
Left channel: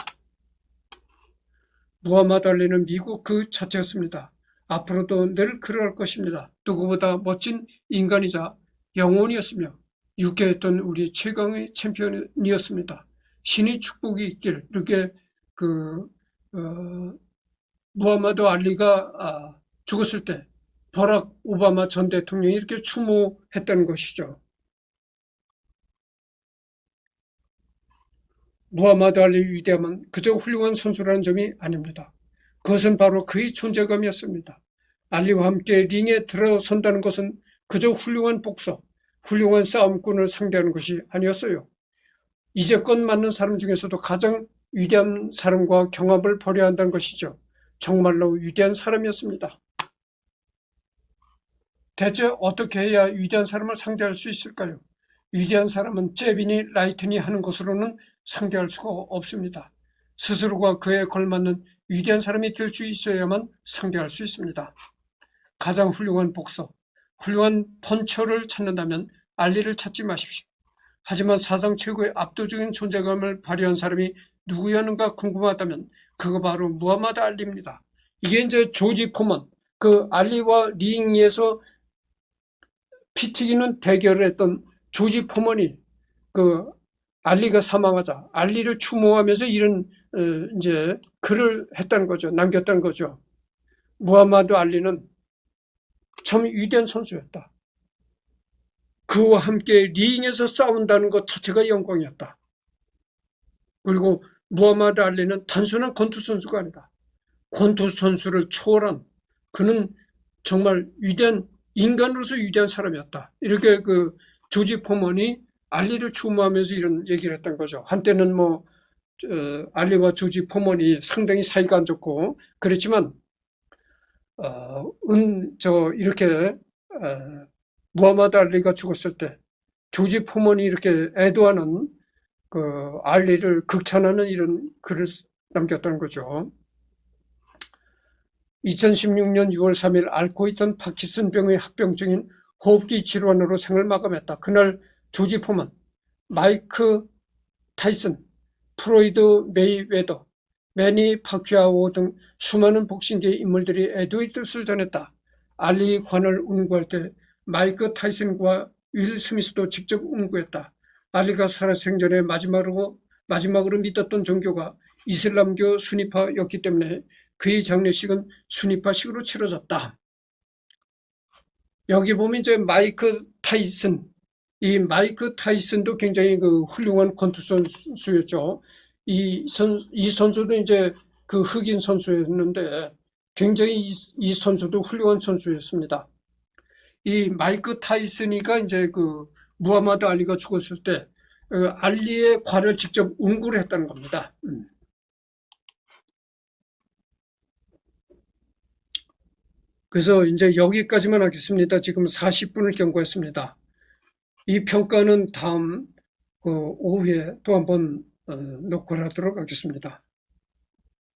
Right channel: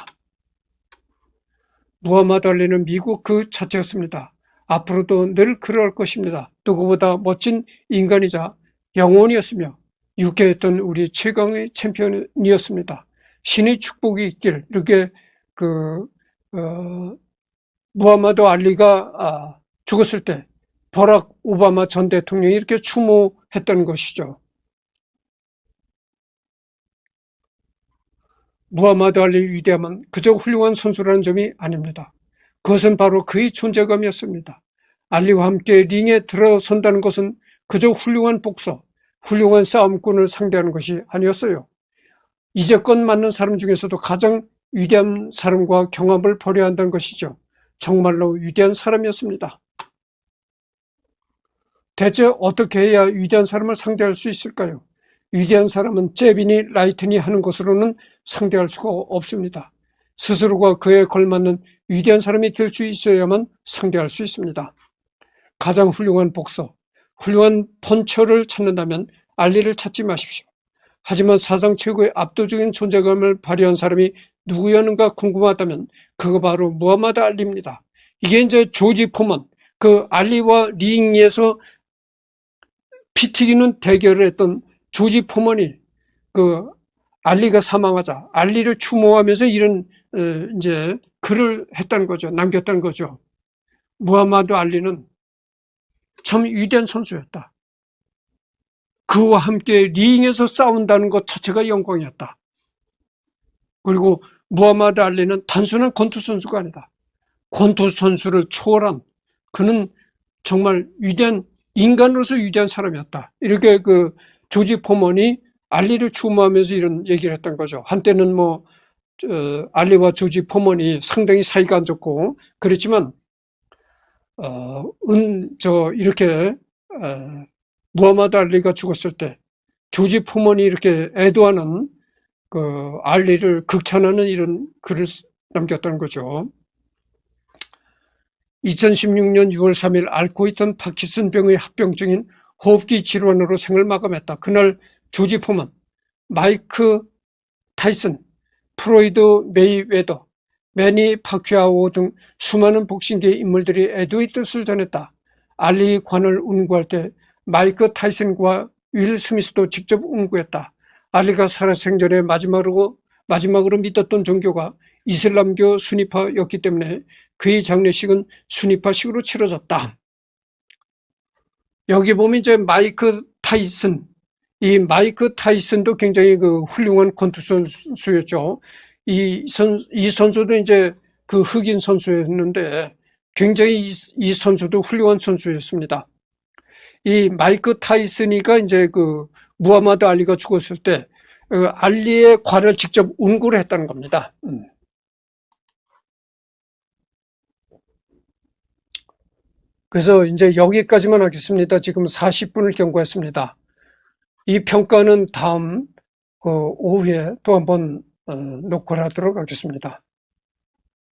무하마드 알리는 미국 그 자체였습니다. 앞으로도 늘 그럴 것입니다. 누구보다 멋진 인간이자 영혼이었으며 유쾌했던 우리 최강의 챔피언이었습니다. 신의 축복이 있길 이렇게 무하마드 알리가 죽었을 때 버락 오바마 전 대통령이 이렇게 추모했다는 것이죠. 무하마드 알리의 위대함은 그저 훌륭한 선수라는 점이 아닙니다. 그것은 바로 그의 존재감이었습니다. 알리와 함께 링에 들어선다는 것은 그저 훌륭한 복서, 훌륭한 싸움꾼을 상대하는 것이 아니었어요. 이제껏 만난 사람 중에서도 가장 위대한 사람과 경합을 벌여야 한다는 것이죠. 정말로 위대한 사람이었습니다. 대체 어떻게 해야 위대한 사람을 상대할 수 있을까요? 위대한 사람은 잽이니 라이트니 하는 것으로는 상대할 수가 없습니다. 스스로가 그에 걸맞는 위대한 사람이 될 수 있어야만 상대할 수 있습니다. 가장 훌륭한 복서, 훌륭한 펀처를 찾는다면 알리를 찾지 마십시오. 하지만 사상 최고의 압도적인 존재감을 발휘한 사람이 누구였는가 궁금하다면 그거 바로 무하마드 알리입니다. 이게 이제 조지 포먼, 그 알리와 링에서 피 튀기는 대결을 했던 조지 포먼이 그 알리가 사망하자 알리를 추모하면서 이런 이제 글을 했다는 거죠. 남겼다는 거죠. 무하마드 알리는 참 위대한 선수였다. 그와 함께 링에서 싸운다는 것 자체가 영광이었다. 그리고 무하마드 알리는 단순한 권투 선수가 아니다. 권투 선수를 초월한 그는 정말 위대한 인간으로서 위대한 사람이었다. 이렇게 그 조지 포먼이 알리를 추모하면서 이런 얘기를 했던 거죠. 한때는 뭐 알리와 조지 포먼이 상당히 사이가 안 좋고 그랬지만 이렇게 무하마드 알리가 죽었을 때 조지 포먼이 이렇게 애도하는 그 알리를 극찬하는 이런 글을 남겼다는 거죠. 2016년 6월 3일 앓고 있던 파킨슨병의 합병증인 호흡기 질환으로 생을 마감했다. 그날 조지 포먼, 마이크 타이슨, 프로이드 메이웨더, 매니 파퀴아오 등 수많은 복싱계 인물들이 애도의 뜻을 전했다. 알리의 관을 운구할 때 마이크 타이슨과 윌 스미스도 직접 운구했다. 알리가 살아생전에 마지막으로 믿었던 종교가 이슬람교 수니파였기 때문에 그의 장례식은 수니파식으로 치러졌다. 여기 보면 이제 마이크 타이슨, 이 마이크 타이슨도 굉장히 그 훌륭한 권투 선수였죠. 이 선수도 이제 그 흑인 선수였는데 굉장히 이 선수도 훌륭한 선수였습니다. 이 마이크 타이슨이가 이제 그 무하마드 알리가 죽었을 때 알리의 관을 직접 운구를 했다는 겁니다. 그래서 이제 여기까지만 하겠습니다. 지금 40분을 경과했습니다. 이 평가는 다음 오후에 또 한번 녹화를 하도록 하겠습니다.